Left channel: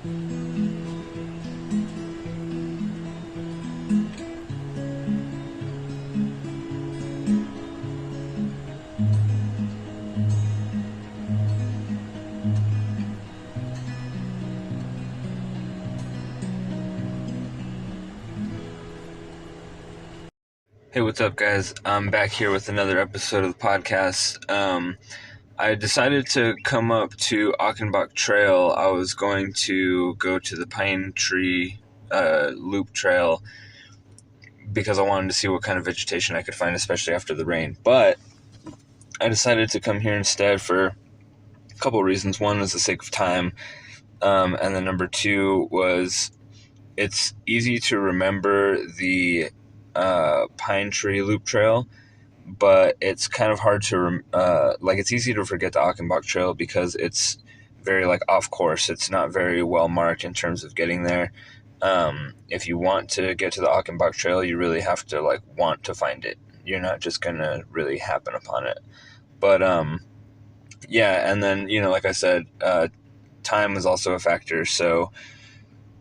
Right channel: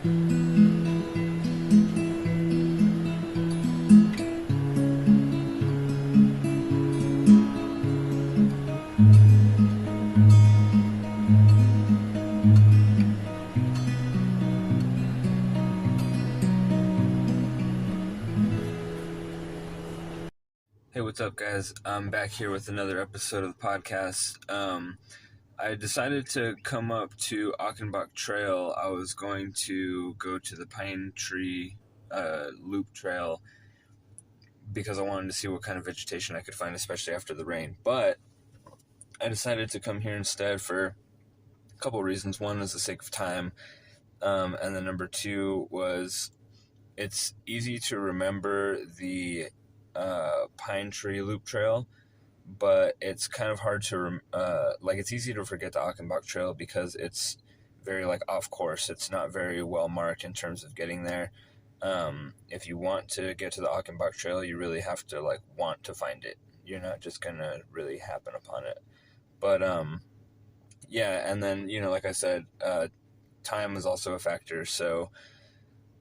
Hey, what's up, guys? I'm back here with another episode of the podcast. I decided to come up to Achenbach Trail. I was going to go to the Pine Tree Loop Trail because I wanted to see what kind of vegetation I could find, especially after the rain. But I decided to come here instead for a couple of reasons. One was the sake of time, and then number two was it's easy to remember the Pine Tree Loop Trail, but it's kind of hard to it's easy to forget the Achenbach Trail because it's very off course. It's not very well marked in terms of getting there. If you want to get to the Achenbach Trail, you really have to want to find it. You're not just gonna really happen upon it. But yeah, and then like I said, time is also a factor. So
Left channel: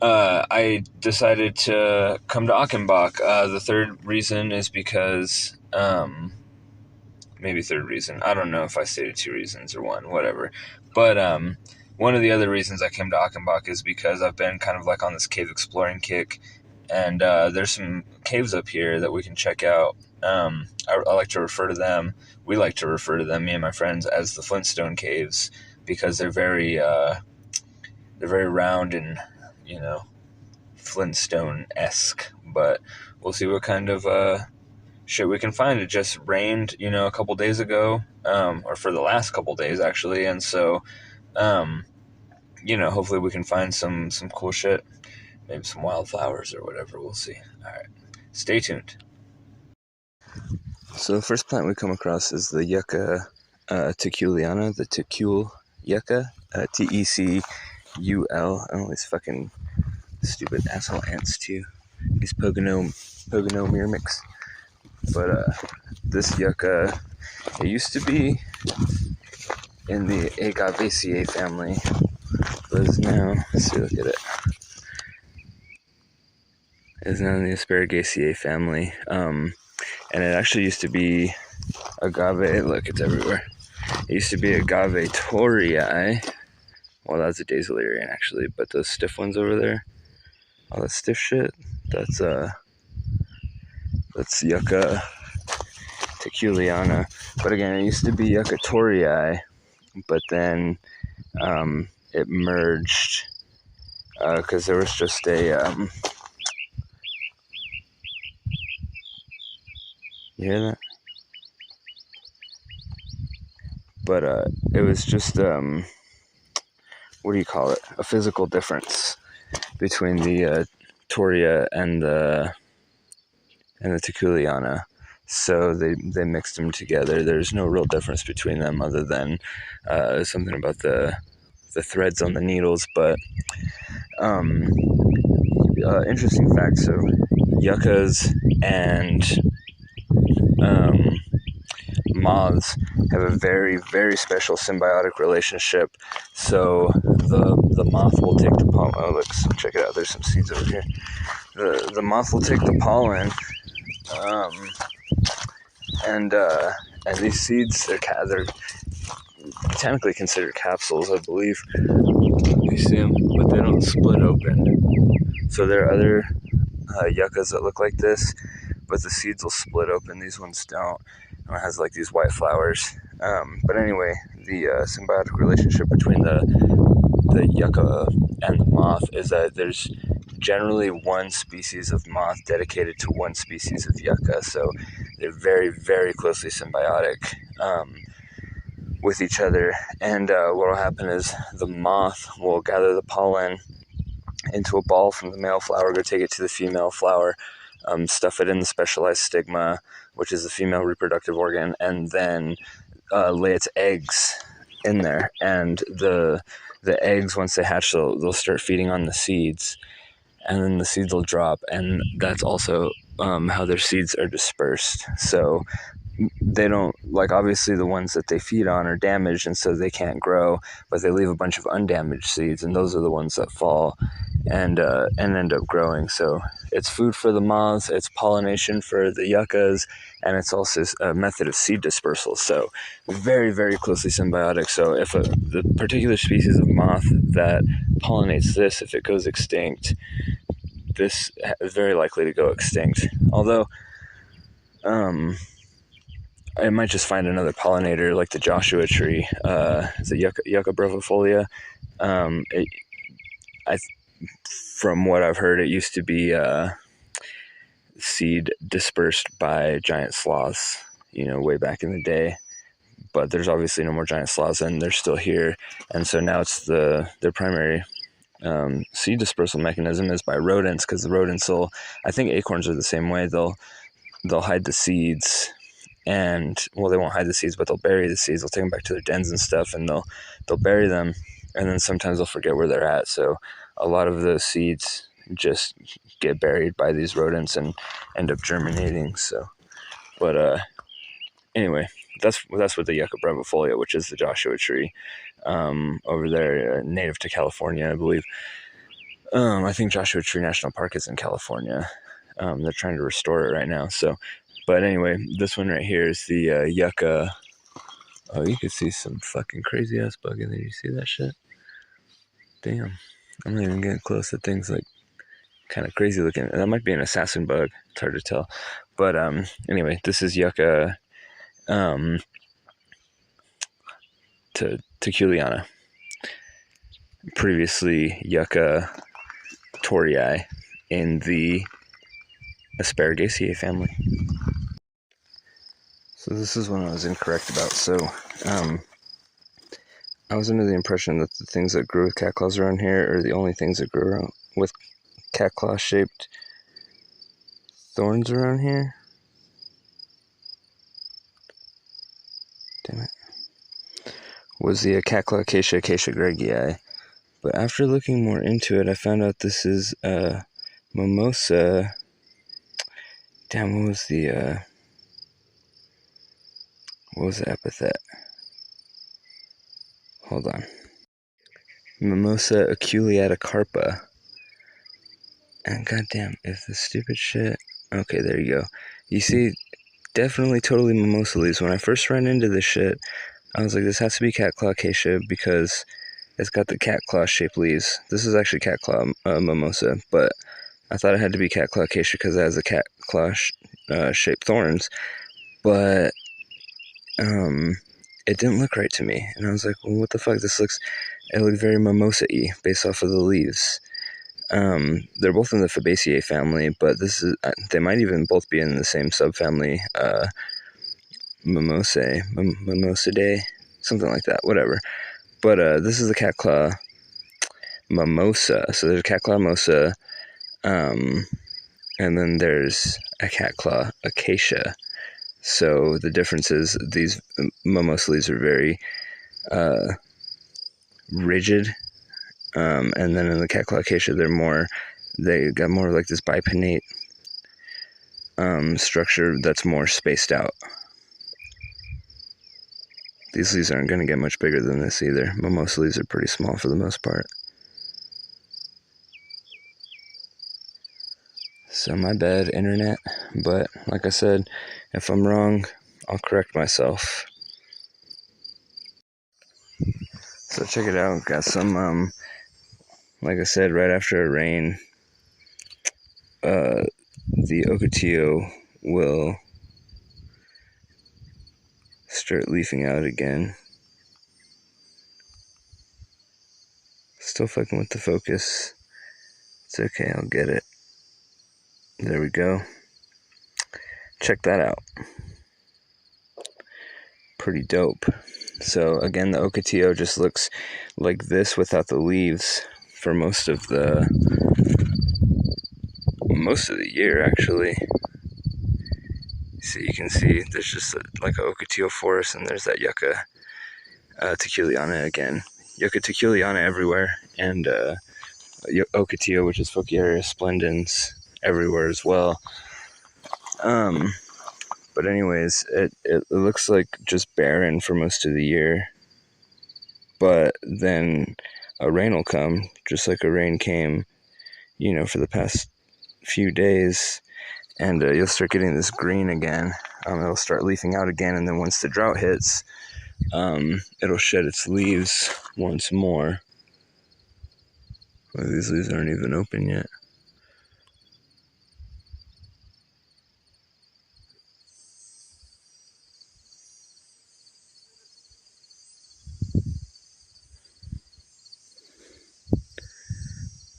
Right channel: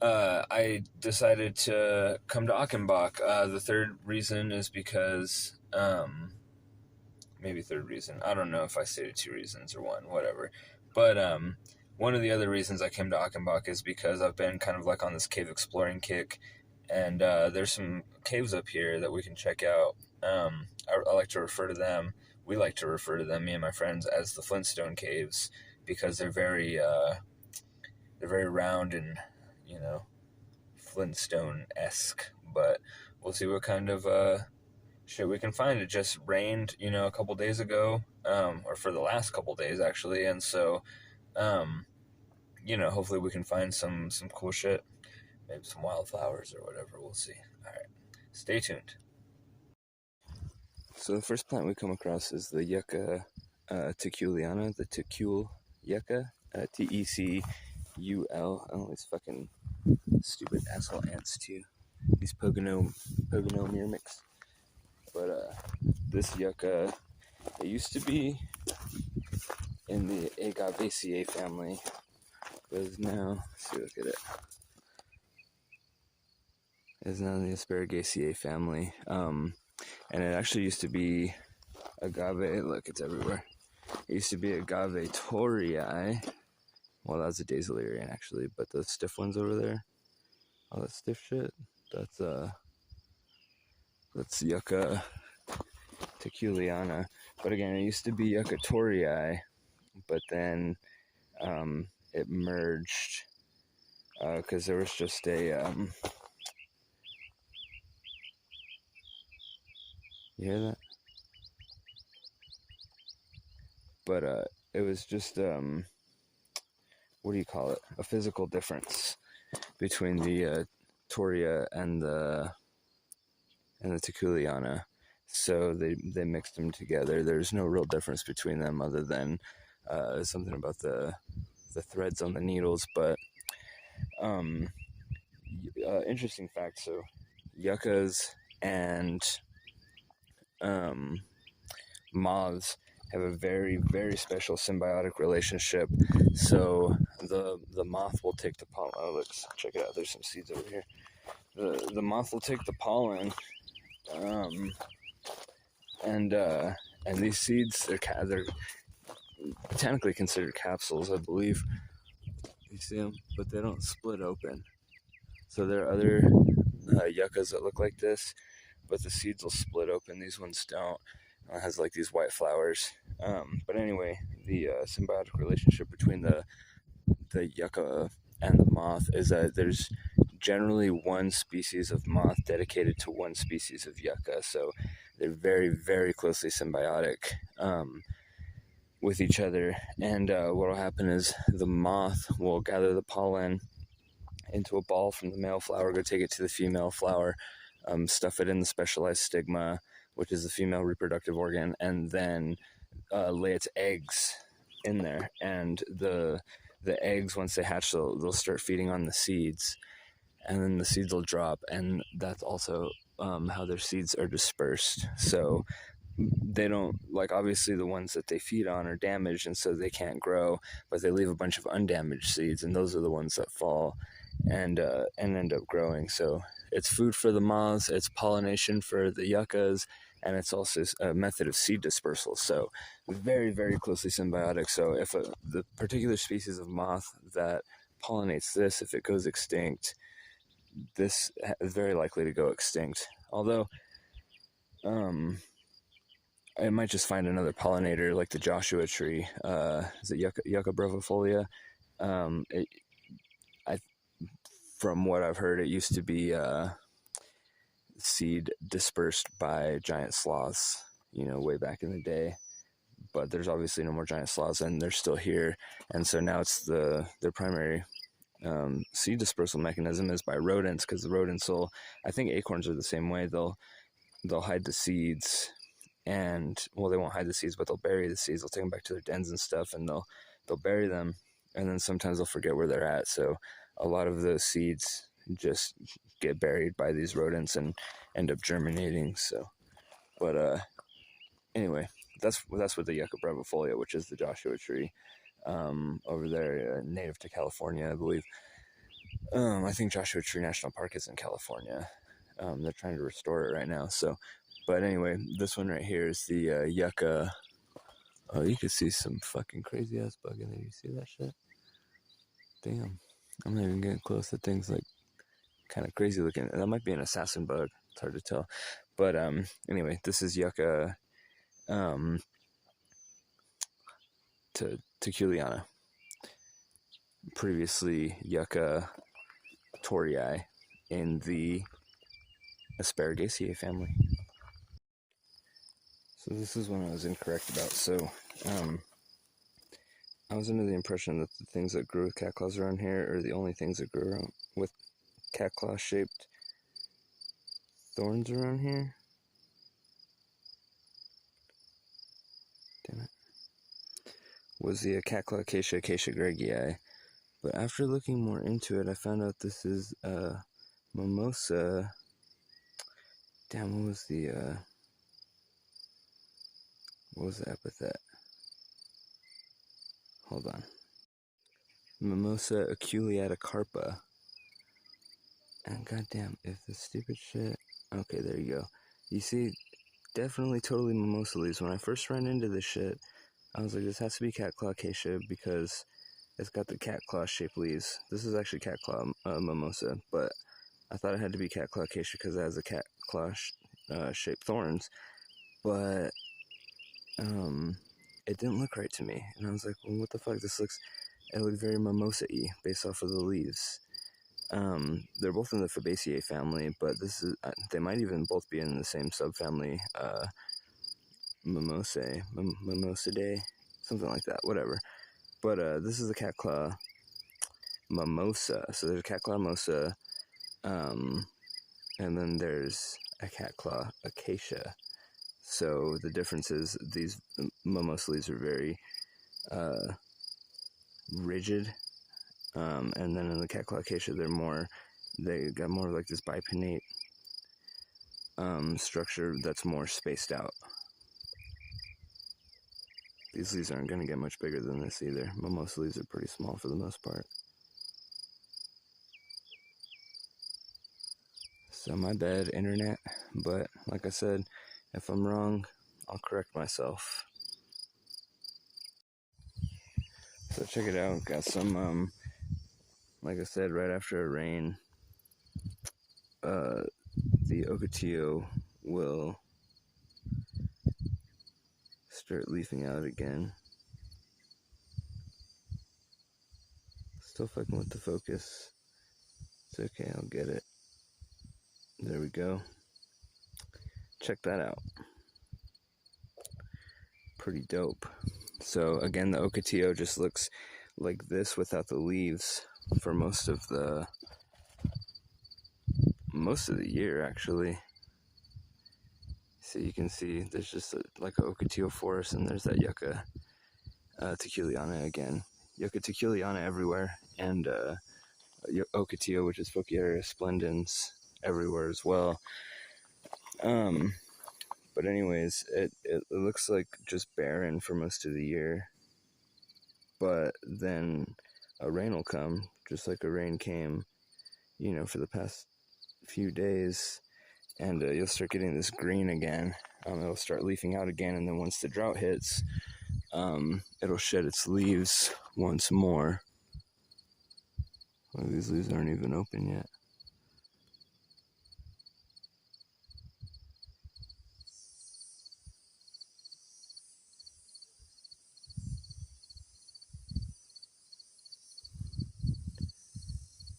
I decided to come to Achenbach. The third reason is because, maybe third reason. I don't know if I stated two reasons or one, whatever. But one of the other reasons I came to Achenbach is because I've been kind of on this cave exploring kick, and there's some caves up here that we can check out. I like to refer to them. We like to refer to them, me and my friends, as the Flintstone Caves because they're very round and Flintstone-esque, but we'll see what kind of shit we can find. It just rained, a couple days ago, or for the last couple days actually, and so, hopefully we can find some cool shit, maybe some wildflowers or whatever. We'll see. All right, stay tuned. So the first plant we come across is the Yucca teculiana, the Tecule Yucca, Tecul. Oh, these fucking stupid asshole ants too. These Pogonomyrmex. But this Yucca, it used to be in the Agave family, but is now, let's see, look at it. It's now in the Asparagus family. And it actually used to be Agave. Look, it's everywhere. It used to be Agave torii. Well, that's a Daisylarian actually, but those stiff ones over there, all that stiff shit, that's Yucca teculiana. But again, it used to be Yucca torii, but then it merged because there was just a you hear that? But it was just what do you call it? A physical difference between the toria and the teculiana. So they mixed them together. There's no real difference between them other than something about the threads on the needles. But interesting fact. So yuccas and moths have a very, very special symbiotic relationship. So the moth will take the pollen. Oh, look, check it out. There's some seeds over here. The moth will take the pollen, and these seeds, they're technically considered capsules, I believe. You see them, but they don't split open. So there are other yuccas that look like this, but the seeds will split open. These ones don't. And it has these white flowers. But anyway, the symbiotic relationship between the yucca and the moth is that there's generally one species of moth dedicated to one species of yucca. So they're very, very closely symbiotic with each other. And what will happen is the moth will gather the pollen into a ball from the male flower, go take it to the female flower, stuff it in the specialized stigma, which is the female reproductive organ, and then lay its eggs in there. And the eggs, once they hatch, they'll start feeding on the seeds, and then the seeds will drop, and that's also how their seeds are dispersed. So they don't, like, obviously the ones that they feed on are damaged, and so they can't grow, but they leave a bunch of undamaged seeds, and those are the ones that fall and end up growing. So it's food for the moths, it's pollination for the yuccas, and it's also a method of seed dispersal. So very, very closely symbiotic. So if the particular species of moth that pollinates this, if it goes extinct, this is very likely to go extinct. Although I might just find another pollinator, like the Joshua tree. Is it Yucca brevifolia? From what I've heard, it used to be seed dispersed by giant sloths, way back in the day. But there's obviously no more giant sloths, and they're still here. And so now it's their primary seed dispersal mechanism is by rodents, because the rodents will, I think acorns are the same way. They'll hide the seeds, and well, they won't hide the seeds, but they'll bury the seeds. They'll take them back to their dens and stuff, and they'll bury them, and then sometimes they'll forget where they're at. So a lot of the seeds just get buried by these rodents and end up germinating. So, but anyway, that's with the Yucca brevifolia, which is the Joshua tree, over there, native to California, I believe. I think Joshua Tree National Park is in California. They're trying to restore it right now. So, but anyway, this one right here is the Yucca. Oh, you can see some fucking crazy ass bug in there. You see that shit? Damn. I'm not even getting close to things like kind of crazy looking. That might be an assassin bug. It's hard to tell. But anyway, this is Yucca teculiana. Previously Yucca torii in the Asparagus family. So this is one I was incorrect about. So I was under the impression that the things that grew with cat claws around here are the only things that grew around with cat claw shaped thorns around here. Damn it. Was the cat claw acacia gregii. But after looking more into it, I found out this is mimosa. Damn, what was the epithet? Hold on. Mimosa aculeata carpa. And goddamn, if the stupid shit. Okay, there you go. You see, definitely totally mimosa leaves. When I first ran into this shit, I was like, this has to be cat claw acacia because it's got the cat claw shaped leaves. This is actually cat claw mimosa, but I thought it had to be cat claw acacia because it has the cat claw shaped thorns. But it didn't look right to me, and I was like, well, what the fuck? It looked very mimosa-y based off of the leaves. They're both in the Fabaceae family, but they might even both be in the same subfamily, Mimosidae, something like that, whatever. But this is the cat claw mimosa. So there's a cat claw mimosa, and then there's a cat claw acacia. So the difference is these mimosa leaves are very rigid, and then in the cat claw acacia they got more like this bipinnate structure that's more spaced out. These leaves aren't going to get much bigger than this either. Mimosa leaves are pretty small for the most part. So my bad, internet. But like I said, if I'm wrong, I'll correct myself. So check it out. Got some, like I said, right after a rain, the ocotillo will start leafing out again. Still fucking with the focus. It's okay, I'll get it. There we go. Check that out. Pretty dope. So again, the ocotillo just looks like this without the leaves for most of the year, actually. So you can see there's just like an ocotillo forest, and there's that Yucca teculiana again. Yucca teculiana everywhere, and ocotillo, which is Focarius splendens, everywhere as well. But anyways, it looks like just barren for most of the year. But then a rain will come, just like a rain came, for the past few days, and you'll start getting this green again. It'll start leafing out again, and then once the drought hits, it'll shed its leaves once more. Well, these leaves aren't even open yet.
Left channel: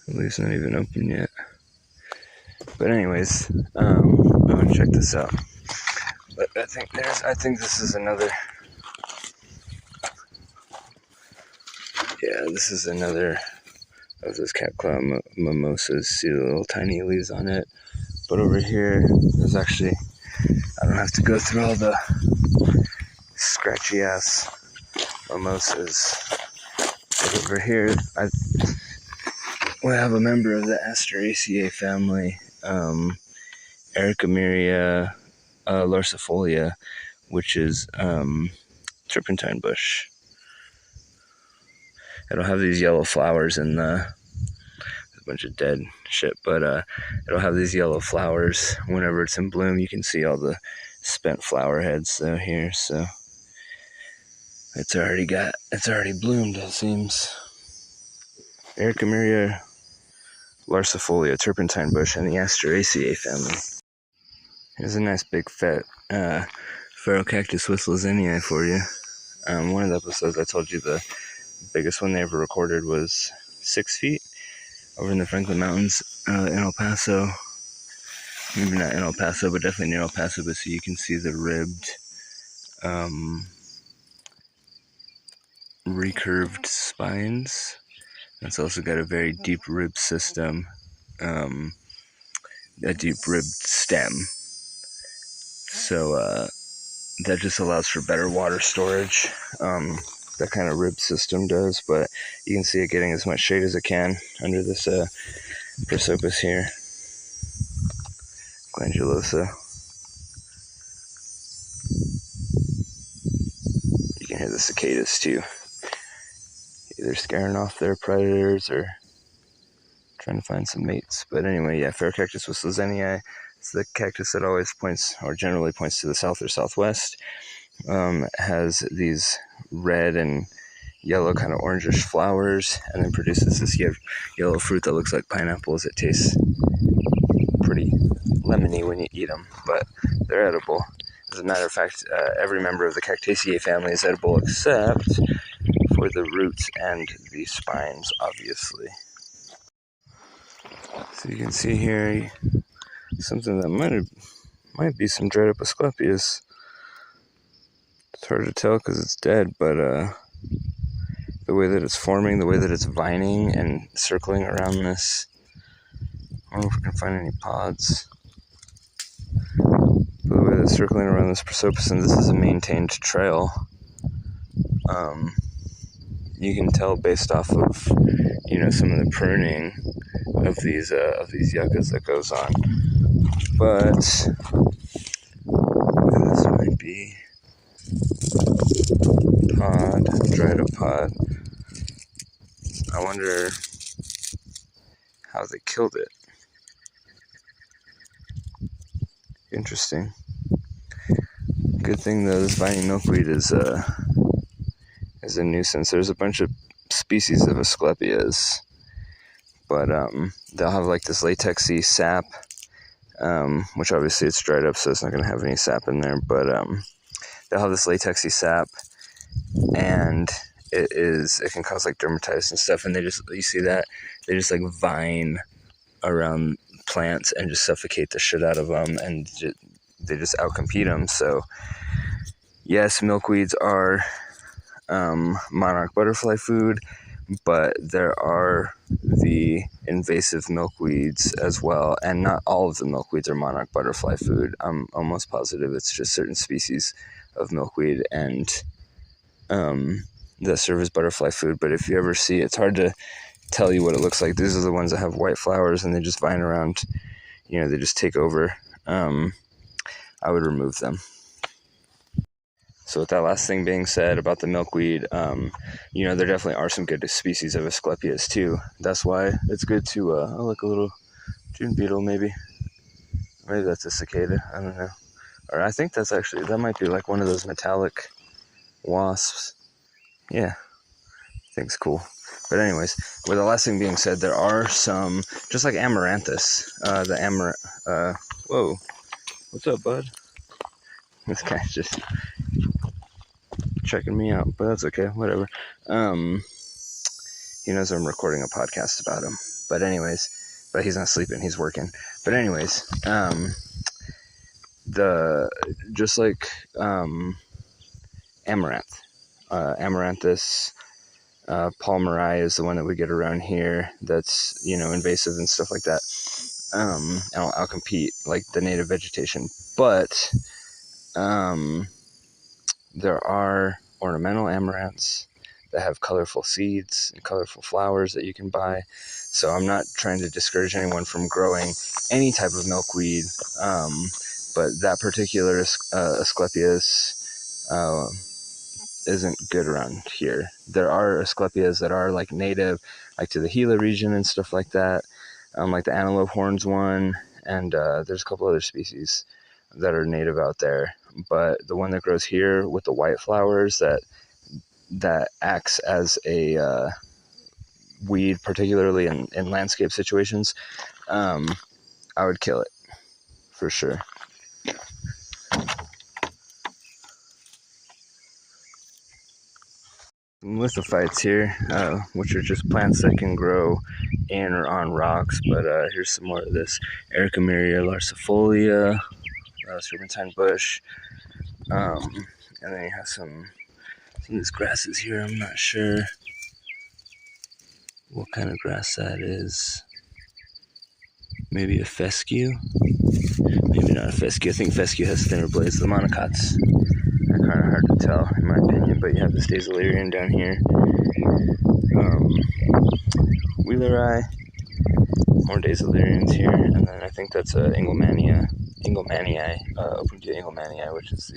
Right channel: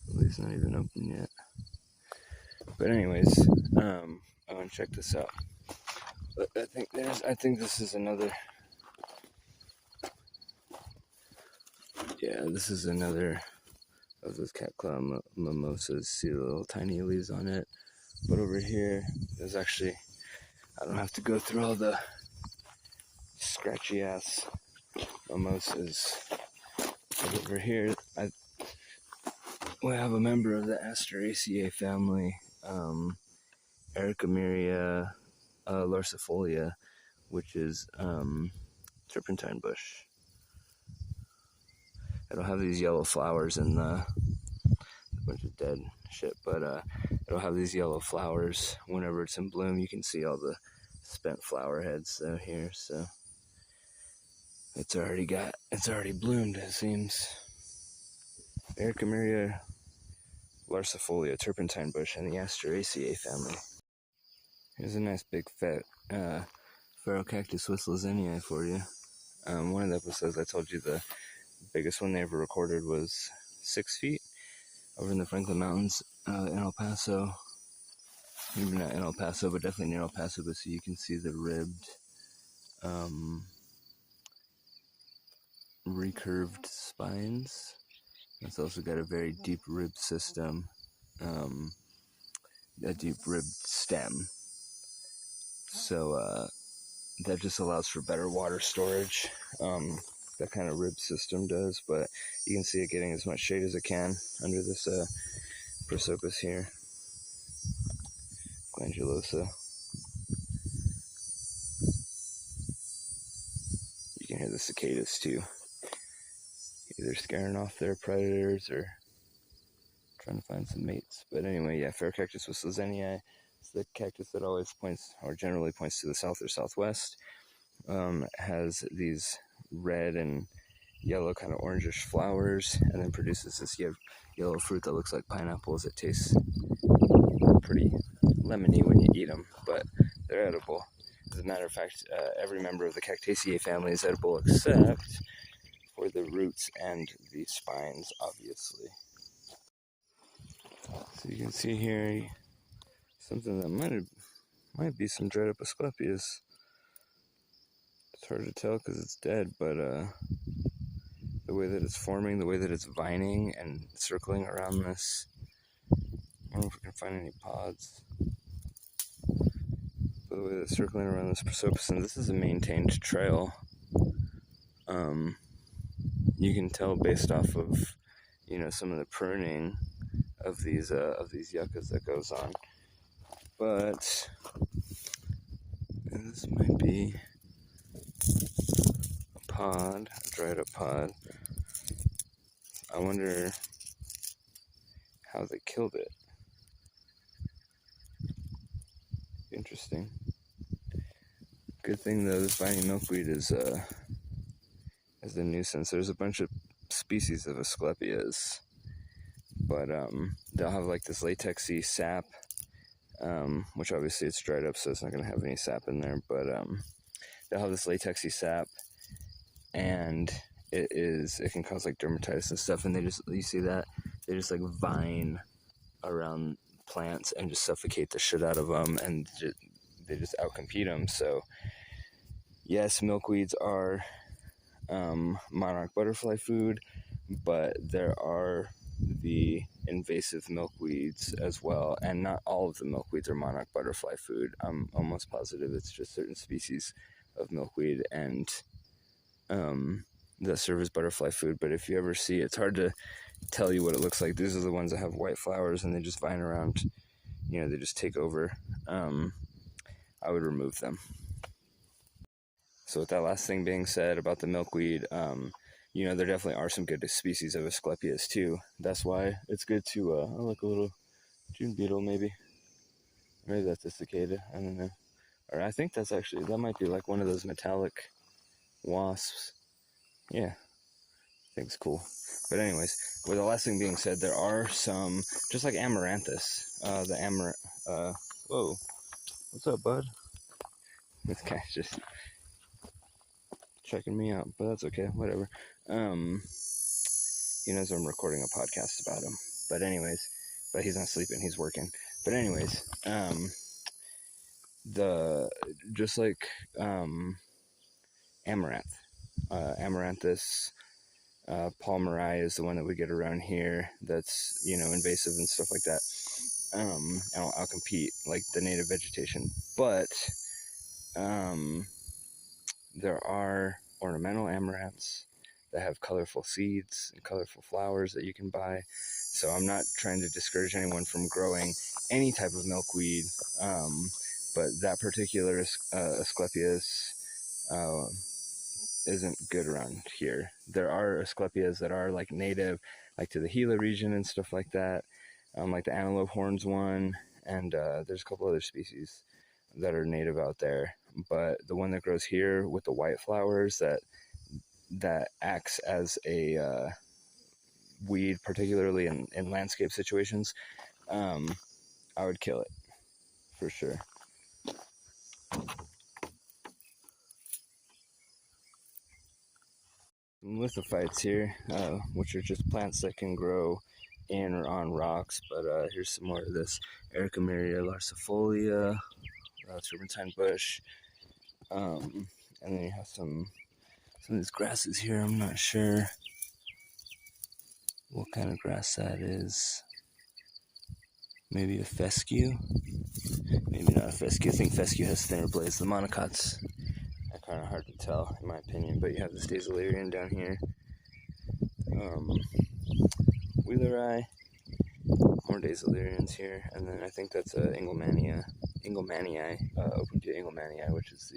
The leaves not even open yet. But anyways, I want to check this out. But I think this is another. Yeah, this is another of those cat claw mimosas. See the little tiny leaves on it. But over here, there's actually, I don't have to go through all the scratchy ass mimosas. But over here, we have a member of the Asparagus family, Achenbach larcifolia, which is Turpentine Bush. It'll have these yellow flowers in a bunch of dead shit, but it'll have these yellow flowers whenever it's in bloom. You can see all the spent flower heads though here, so it's already bloomed, it seems. Achenbach larcifolia, Turpentine Bush, and the Asteraceae family. Here's a nice big fat feral cactus with lasagna for you. One of the episodes I told you the biggest one they ever recorded was 6 feet over in the Franklin Mountains in El Paso. Maybe not in El Paso, but definitely near El Paso. But so you can see the ribbed, recurved spines. It's also got a very deep ribbed system, a deep ribbed stem. So that just allows for better water storage. That kind of rib system does, but you can see it getting as much shade as it can under this prosopis here, glandulosa. You can hear the cicadas too, either scaring off their predators or trying to find some mates. But anyway, yeah, feral cactus with lasagna. It's the cactus that always points, or generally points to the south or southwest. Has these red and yellow kind of orangish flowers, and then produces this yellow fruit that looks like pineapples. It tastes pretty lemony when you eat them, but they're edible. As a matter of fact, every member of the Cactaceae family is edible except for the roots and the spines, obviously. So you can see here something that might be some dried up Asclepias. It's hard to tell because it's dead, but the way that it's forming, the way that it's vining and circling around this, I don't know if we can find any pods. But the way that it's circling around this prosopis, and this is a maintained trail, you can tell based off of, some of the pruning of these yuccas that goes on. But this might be pod, dried up pod. I wonder how they killed it. Interesting. Good thing though, this vining milkweed is a nuisance. There's a bunch of species of Asclepias, but they'll have like this latexy sap, which obviously it's dried up, so it's not going to have any sap in there. But they'll have this latexy sap, and it can cause like dermatitis and stuff. And you see that they just like vine around plants and just suffocate the shit out of them, and they just outcompete them. So yes, milkweeds are monarch butterfly food, but there are the invasive milkweeds as well, and not all of the milkweeds are monarch butterfly food. I'm almost positive it's just certain species of milkweed and that serve as butterfly food. But if you ever see, it's hard to tell you what it looks like. These are the ones that have white flowers and they just vine around, they just take over. I would remove them. So with that last thing being said about the milkweed, there definitely are some good species of Asclepias too. That's why it's good to, like a little June beetle maybe. Maybe that's a cicada, I don't know. Or I think that might be like one of those metallic wasps. Yeah, thing's cool. But anyways, with the last thing being said, there are some, just like amaranthus, whoa, what's up, bud? This guy's just checking me out, but that's okay, whatever. He knows I'm recording a podcast about him. But anyways, but he's not sleeping, he's working. But anyways, just like amaranth, amaranthus, palmeri is the one that we get around here that's, invasive and stuff like that. And I'll compete like the native vegetation. But there are ornamental amaranths that have colorful seeds and colorful flowers that you can buy. So I'm not trying to discourage anyone from growing any type of milkweed, but that particular Asclepias isn't good around here. There are Asclepias that are like native, like to the Gila region and stuff like that, like the antelope horns one, and there's a couple other species that are native out there. But the one that grows here with the white flowers that acts as a weed, particularly in landscape situations, I would kill it for sure. Lithophytes here, which are just plants that can grow in or on rocks. But here's some more of this Ericomeria larcifolia, Turpentine Bush, and then you have some of these grasses here. I'm not sure what kind of grass that is. Maybe a fescue? Maybe not a fescue. I think fescue has thinner blades. The monocots are kind of hard to tell, in my opinion. But you have the Stasilarian down here. Wheeleri. More Dasilarians here. And then I think that's Engelmannii, Opuntia Engelmannii, which is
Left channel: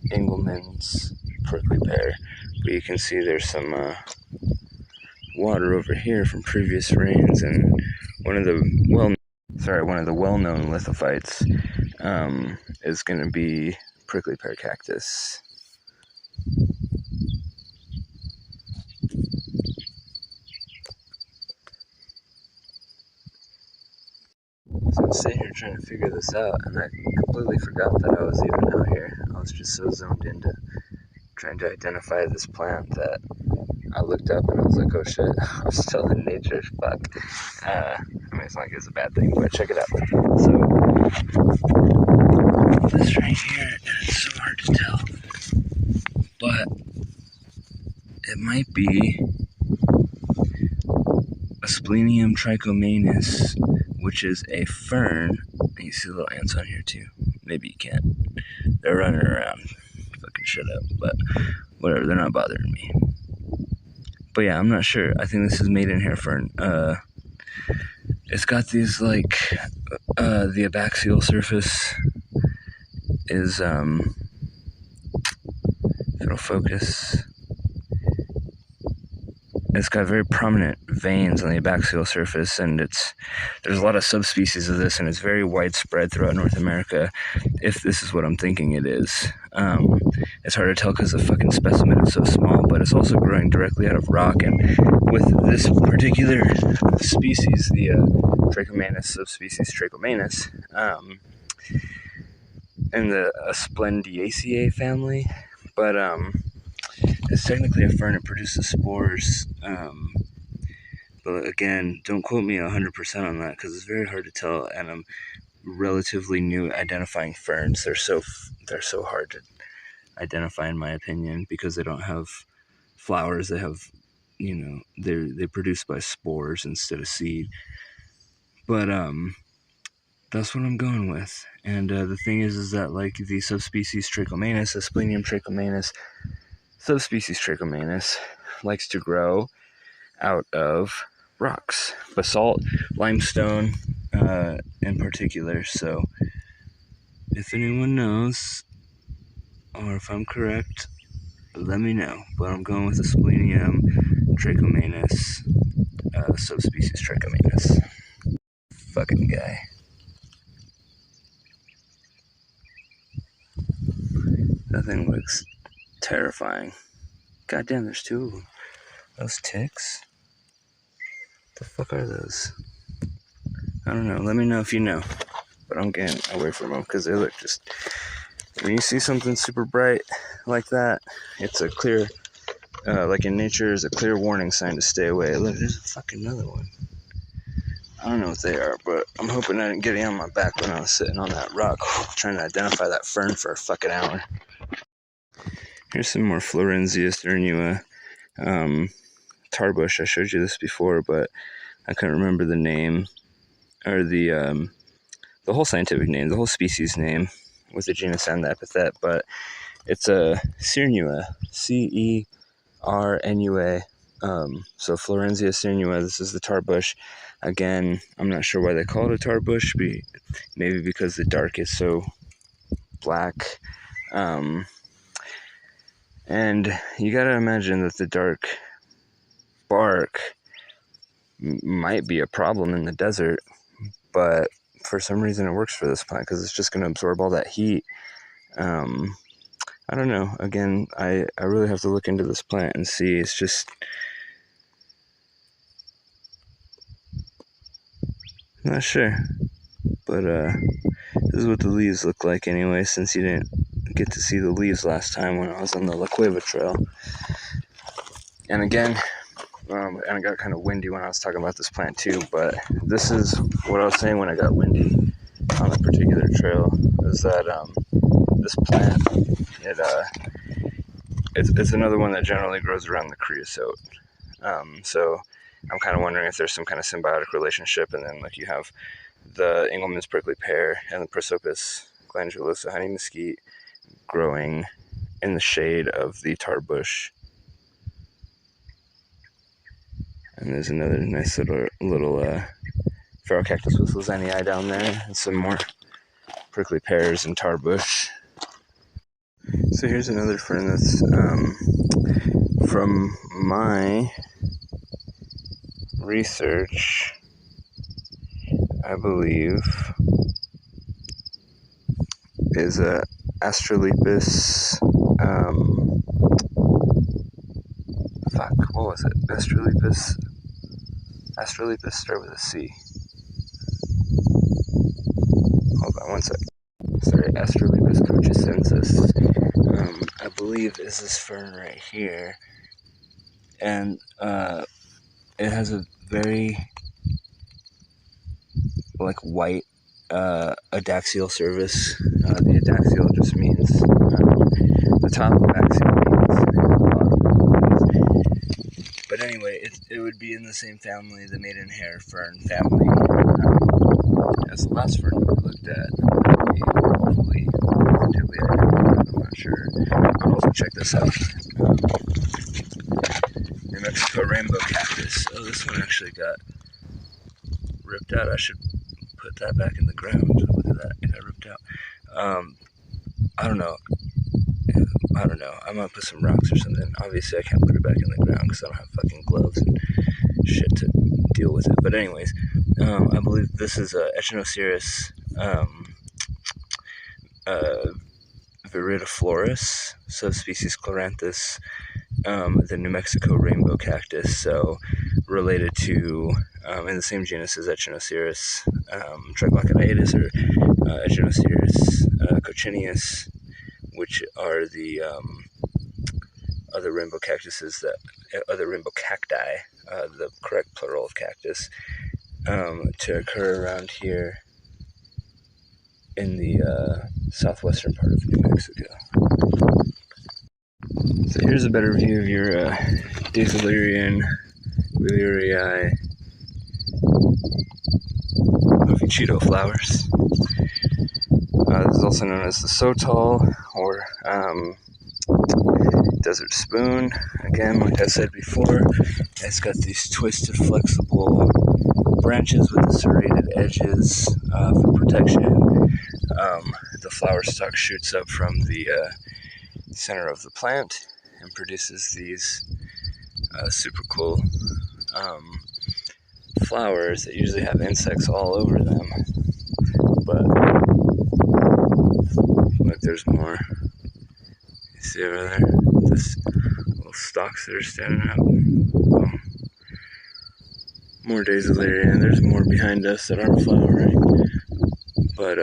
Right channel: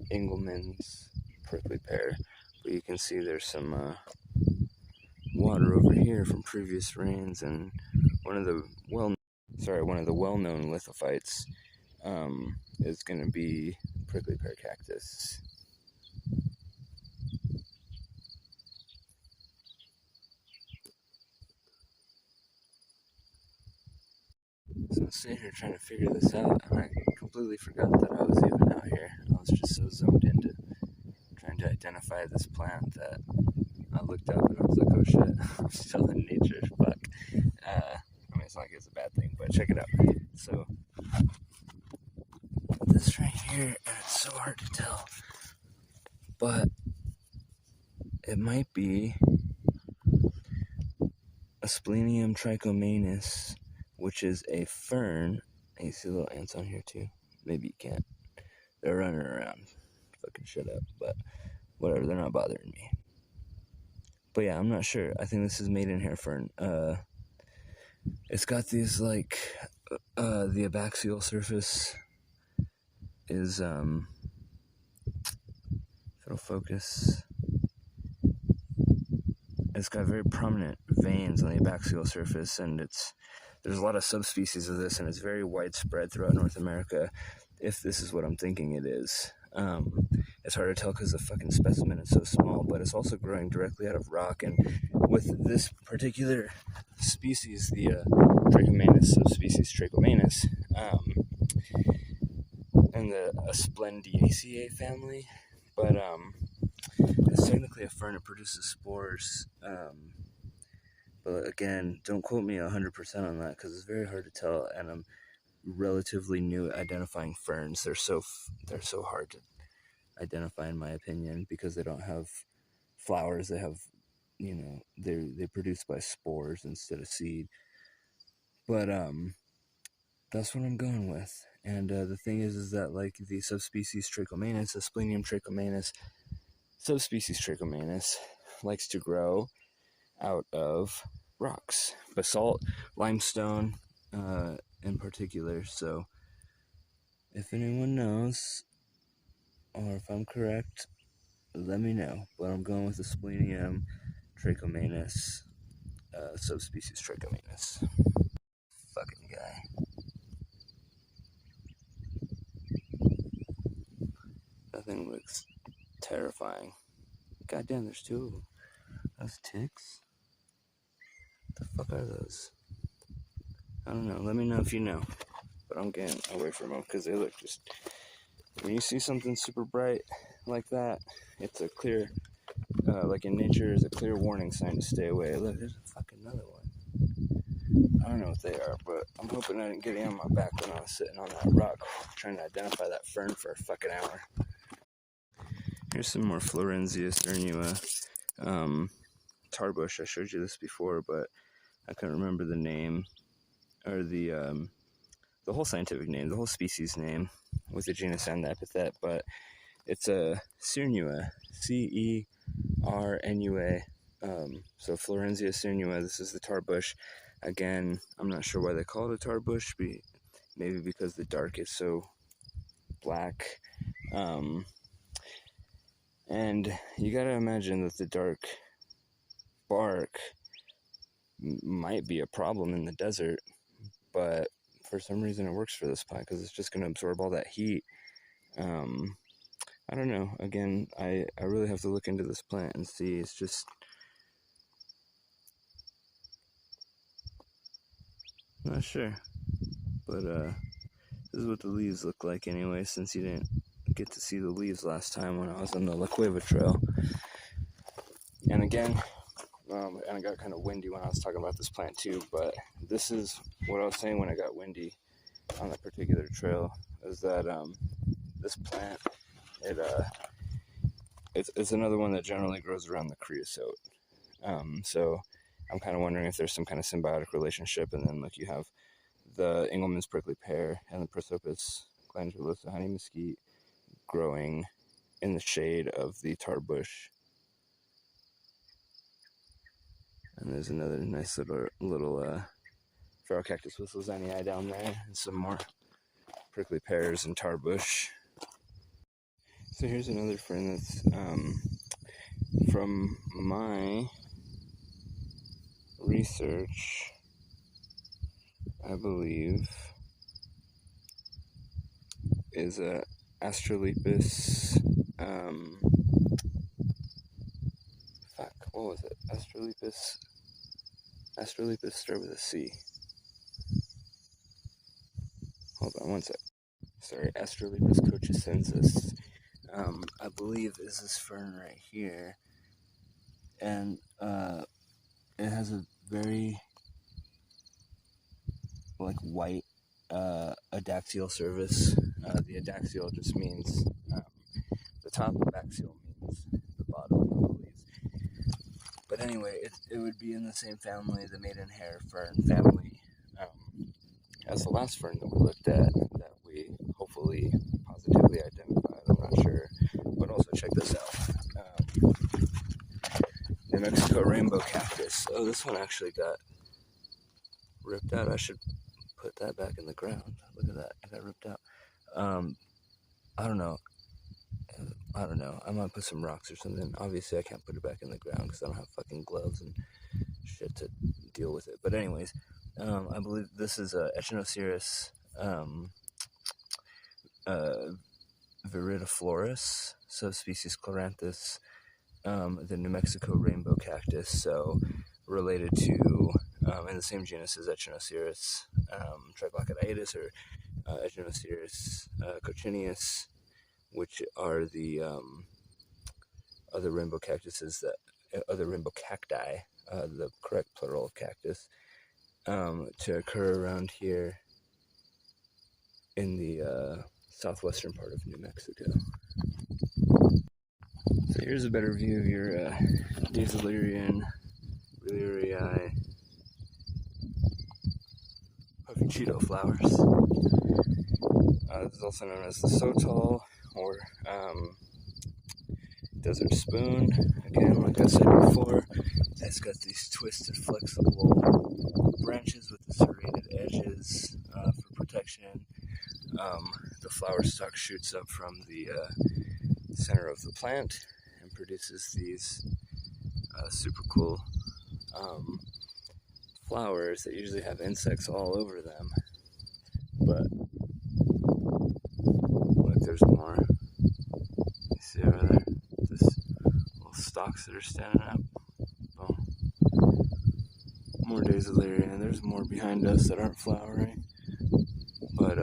the Engelmann's prickly pear. But you can see there's some water over here from previous rains, and one of the well-known lithophytes is going to be prickly pear cactus. So I'm sitting here trying to figure this out, and I completely forgot that I was even out here. I was just so zoomed into trying to identify this plant that I looked up and I was like, oh shit, I'm still in nature, fuck. I mean, it's not like it's a bad thing, but check it out. So, this right here, and it's so hard to tell, but it might be Asplenium trichomanus, which is a fern. And you see little ants on here too. Maybe you can't. They're running around. Fucking shut up. But whatever, they're not bothering me. But yeah, I'm not sure. I think this is made in hair fern. It's got these like the abaxial surface is if it'll focus. It's got very prominent veins on the abaxial surface, and there's a lot of subspecies of this, and it's very widespread throughout North America, if this is what I'm thinking it is. It's hard to tell because the fucking specimen is so small, but it's also growing directly out of rock, and with this particular species, the Trichomanus, subspecies Trichomanus, in the Splendiaceae family, but it's technically a fern. It produces spores, but again, don't quote me 100% on that because it's very hard to tell, and I'm relatively new at identifying ferns. They're so hard to identify, in my opinion, because they don't have flowers. They have, they're produced by spores instead of seed. But that's what I'm going with. And the thing is that like the subspecies Trichomanus, Asplenium trichomanus, subspecies Trichomanus likes to grow out of rocks, basalt, limestone in particular. So If anyone knows, or if I'm correct, let me know. But I'm going with the Splenium trichomanus, subspecies trichomanus. Fucking guy. That thing looks terrifying. Goddamn, there's two of them. Those ticks? What the fuck are those? I don't know. Let me know if you know. But I'm getting away from them because they look just... When you see something super bright like that, it's a clear... like in nature, is a clear warning sign to stay away. Look, there's a fucking another one. I don't know what they are, but I'm hoping I didn't get it on my back when I was sitting on that rock trying to identify that fern for a fucking hour. Here's some more Florenzia cernua tarbush. I showed you this before, but I couldn't remember the name, or the whole scientific name, the whole species name, with the genus and the epithet, but it's a cernua, C-E-R-N-U-A. So Florenzia cernua, this is the tarbush. Again, I'm not sure why they call it a tarbush, maybe because the dark is so black. And you gotta imagine that the dark bark might be a problem in the desert, but for some reason it works for this plant because it's just going to absorb all that heat. I don't know. Again, I really have to look into this plant and see. It's just... not sure. But this is what the leaves look like anyway, since you didn't get to see the leaves last time when I was on the La Cueva Trail. And again, and it got kind of windy when I was talking about this plant too, but this is what I was saying when I got windy on the particular trail, is that this plant, it's another one that generally grows around the creosote. So I'm kind of wondering if there's some kind of symbiotic relationship, and then like you have the Engelmann's prickly pear and the Prosopis glandulosa honey mesquite growing in the shade of the tarbush. And there's another nice little feral cactus with Lozanii down there, and some more prickly pears and tarbush. So here's another fern that's from my research, I believe, is a Astrolipus. What was it? Astrolipus start with a C. Hold on one sec. Sorry, Astrolipus cochicensis. I believe is this fern right here, and it has a very like white adaxial surface. The adaxial just means the top of axial means. But anyway, it would be in the same family, the maidenhair fern family, as the last fern we looked at. Hopefully, positively identified. I'm not sure. But also check this out. New Mexico rainbow cactus. Oh, this one actually got ripped out. I should put that back in the ground. Look at that. It got ripped out. I don't know. I'm gonna put some rocks or something. Obviously, I can't put it back in the ground because I don't have fucking gloves and shit to deal with it. But anyways, I believe this is a Echinocereus viridiflorus, subspecies Chloranthus, the New Mexico rainbow cactus. So related to, in the same genus as Echinocereus triglochidioides, or Echinocereus cochineus, which are the other rainbow cactuses, other rainbow cacti, the correct plural of cactus, to occur around here in the southwestern part of New Mexico. So here's a better view of your Daesalerian Wheelerii Cheeto flowers. This is also known as the Sotol, or desert spoon. Again, like I said before, it's got these twisted, flexible branches with the serrated edges for protection. the flower stalk shoots up from the center of the plant and produces these super cool flowers that usually have insects all over them. But look, there's more. You see over there? This little stalks that are standing up. More Daisylarian. There's more behind us that aren't flowering. But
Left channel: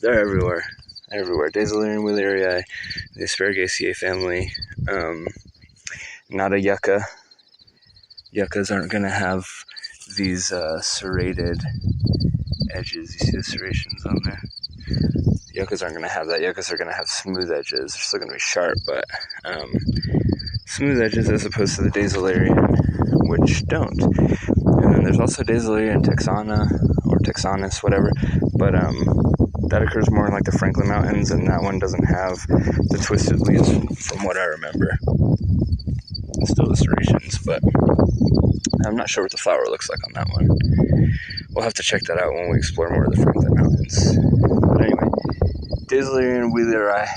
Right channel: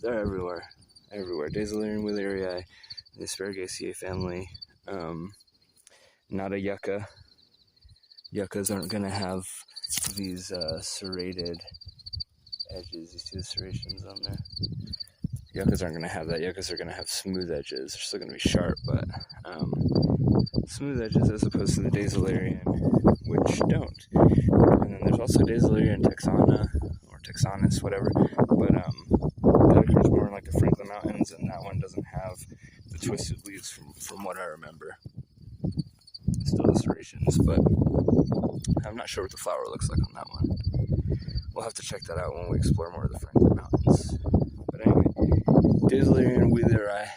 they're everywhere. Everywhere. Daisylarian Wheelerii, the Asparagus family. Not a yucca. Yuccas aren't going to have these serrated edges. You see the serrations on there? Yuccas aren't going to have that. Yuccas are going to have smooth edges. They're still going to be sharp, but smooth edges as opposed to the Daisylarian, which don't. And then there's also Daisylarian texana, or texanus, whatever, but that occurs more in like the Franklin Mountains, and that one doesn't have the twisted leaves from what I remember. Still the serrations, but I'm not sure what the flower looks like on that one. We'll have to check that out when we explore more of the Franklin Mountains. But anyway, Daisylarian Wheelerii,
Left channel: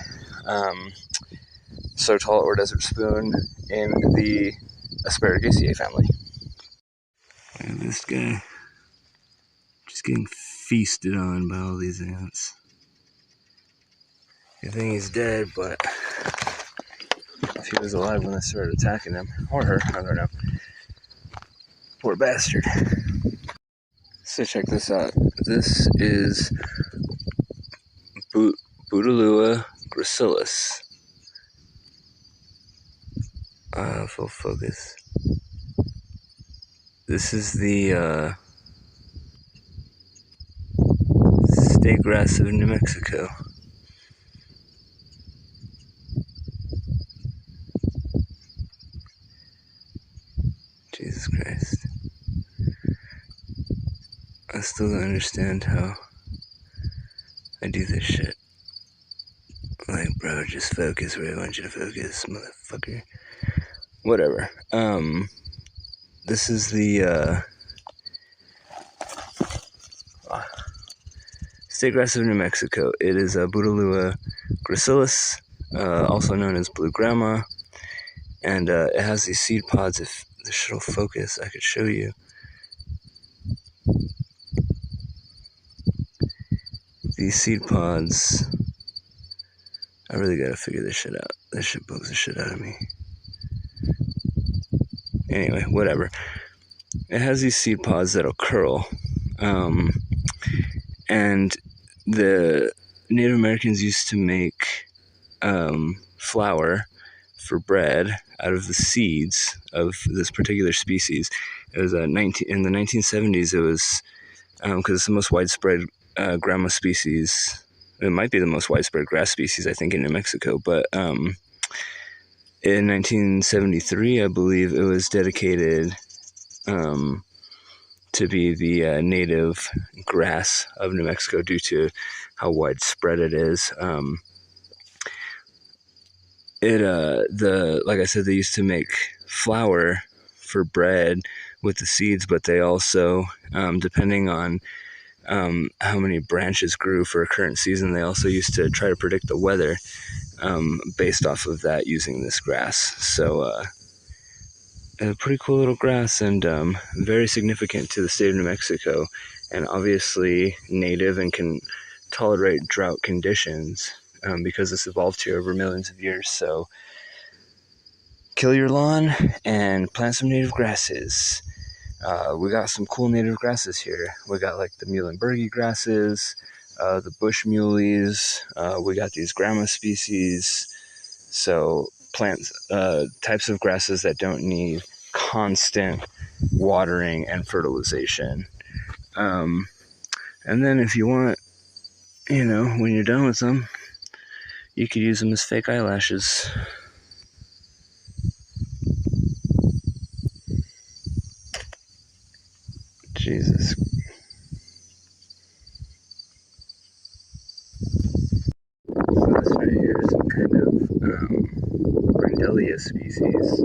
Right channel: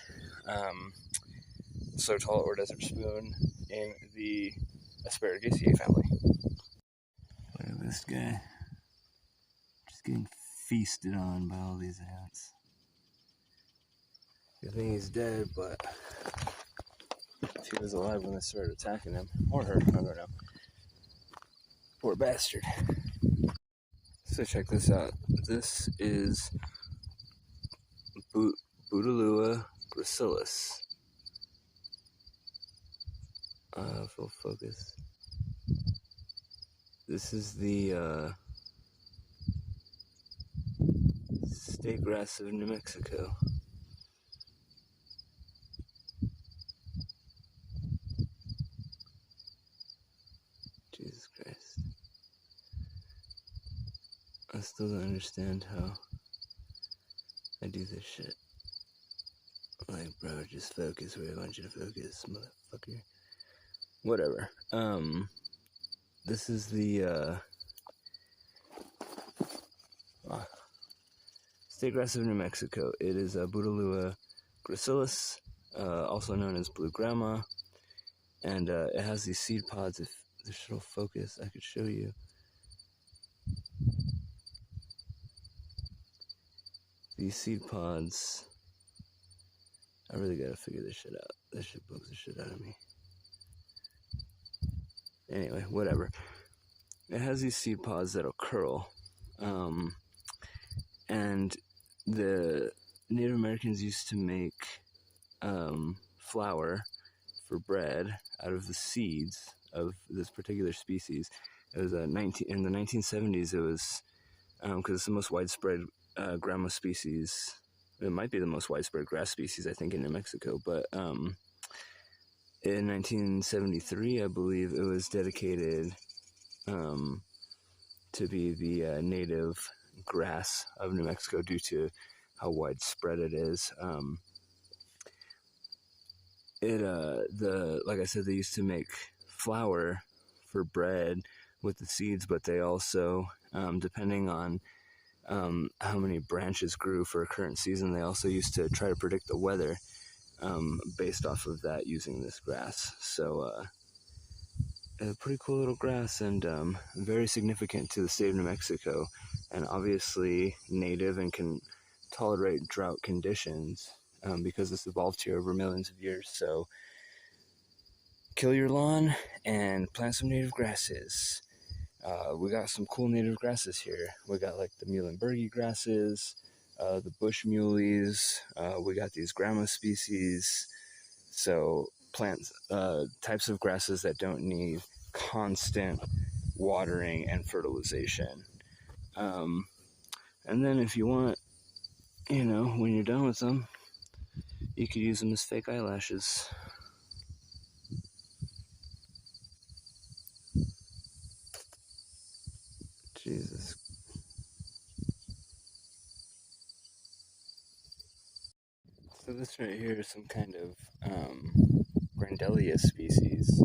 so tall or desert spoon in the Asparagus family. Look at this guy, just getting feasted on by all these ants. I think he's dead, but if he was alive when they started attacking him, or her, I don't know. Poor bastard. So check this out. This is Bouteloua gracilis. Full focus. This is the state grass of New Mexico. Jesus Christ. I still don't understand how I do this shit. Like, bro, just focus where I want you to focus, motherfucker. Whatever. This is the state grass of New Mexico. It is a Bouteloua gracilis, also known as blue grandma, and it has these seed pods. If the shit will focus, I could show you. These seed pods, I really gotta figure this shit out. This shit bugs the shit out of me. Anyway, whatever. It has these seed pods that'll curl. And the Native Americans used to make flour for bread out of the seeds of this particular species. It was in the 1970s. It was because it's the most widespread grama species. It might be the most widespread grass species, I think, in New Mexico. But in 1973, I believe, it was dedicated to be the native grass of New Mexico due to how widespread it is. Like I said, they used to make flour for bread with the seeds, but they also, depending on how many branches grew for a current season, they also used to try to predict the weather based off of that using this grass. So a pretty cool little grass, and very significant to the state of New Mexico, and obviously native and can tolerate drought conditions because it's evolved here over millions of years. So kill your lawn and plant some native grasses. We got some cool native grasses here. We got like the Muhlenbergy grasses, the bush muleys. We got these grama species. So plants, types of grasses that don't need constant watering and fertilization. And then if you want, when you're done with them, you could use them as fake eyelashes. Jesus. So this right here is some kind of Grandelia species.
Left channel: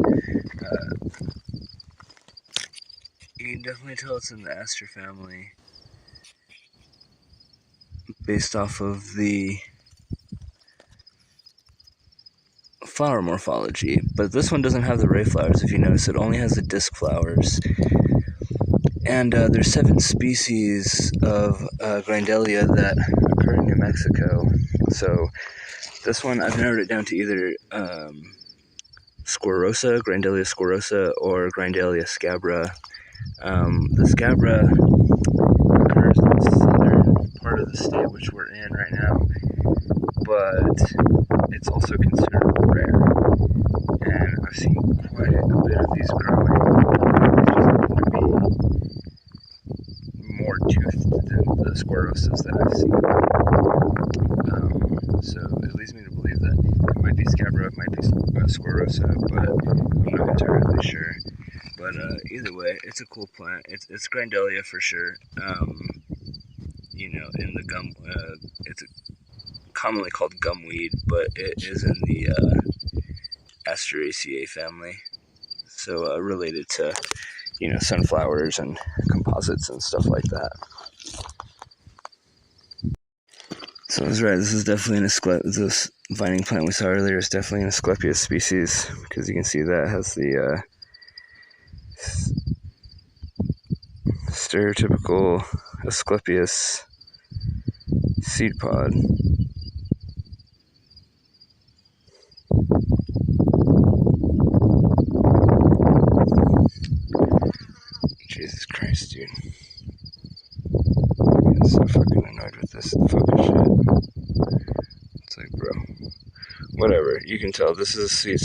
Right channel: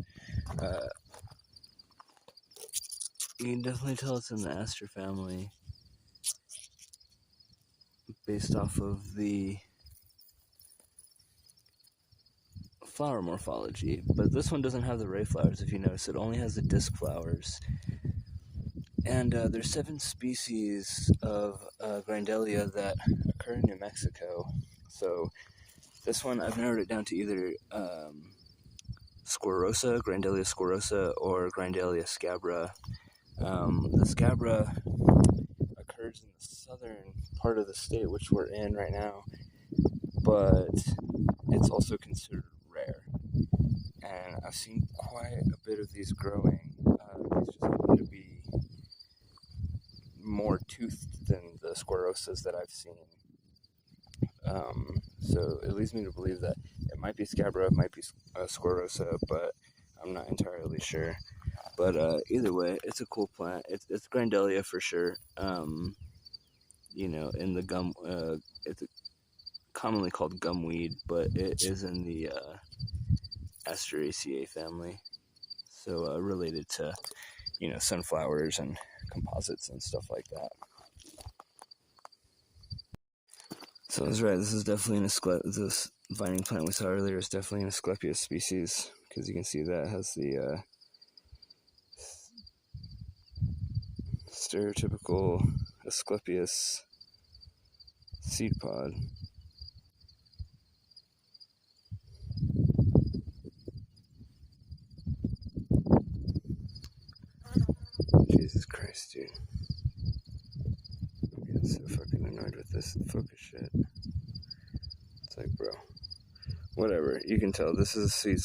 You can definitely tell it's in the Aster family based off of the flower morphology, but this one doesn't have the ray flowers. If you notice, it only has the disc flowers. And there's 7 species of Grindelia that occur in New Mexico. So this one, I've narrowed it down to either Squarosa, Grindelia squarosa, or Grindelia scabra. The scabra occurs in the southern part of the state, which we're in right now, but it's also considered rare. And I've seen quite a bit of these growing. They just happen to be more toothed than the squarosas that I've seen. So it leads me to believe that it might be scabra, it might be squarosa, but I'm not entirely sure. But either way, it's a cool plant. It's Grindelia for sure. You know, in the gum, it's commonly called gumweed, but it is in the Asparagus family. So related to, you know, sunflowers and composites and stuff like that. So I was right, this is definitely this vining plant we saw earlier is definitely an Asclepius species, because you can see that has the stereotypical Asclepius seed pod. Jesus Christ, dude. I'm so fucking annoyed with this fucking shit. It's like, bro. Whatever, you can tell this is a seed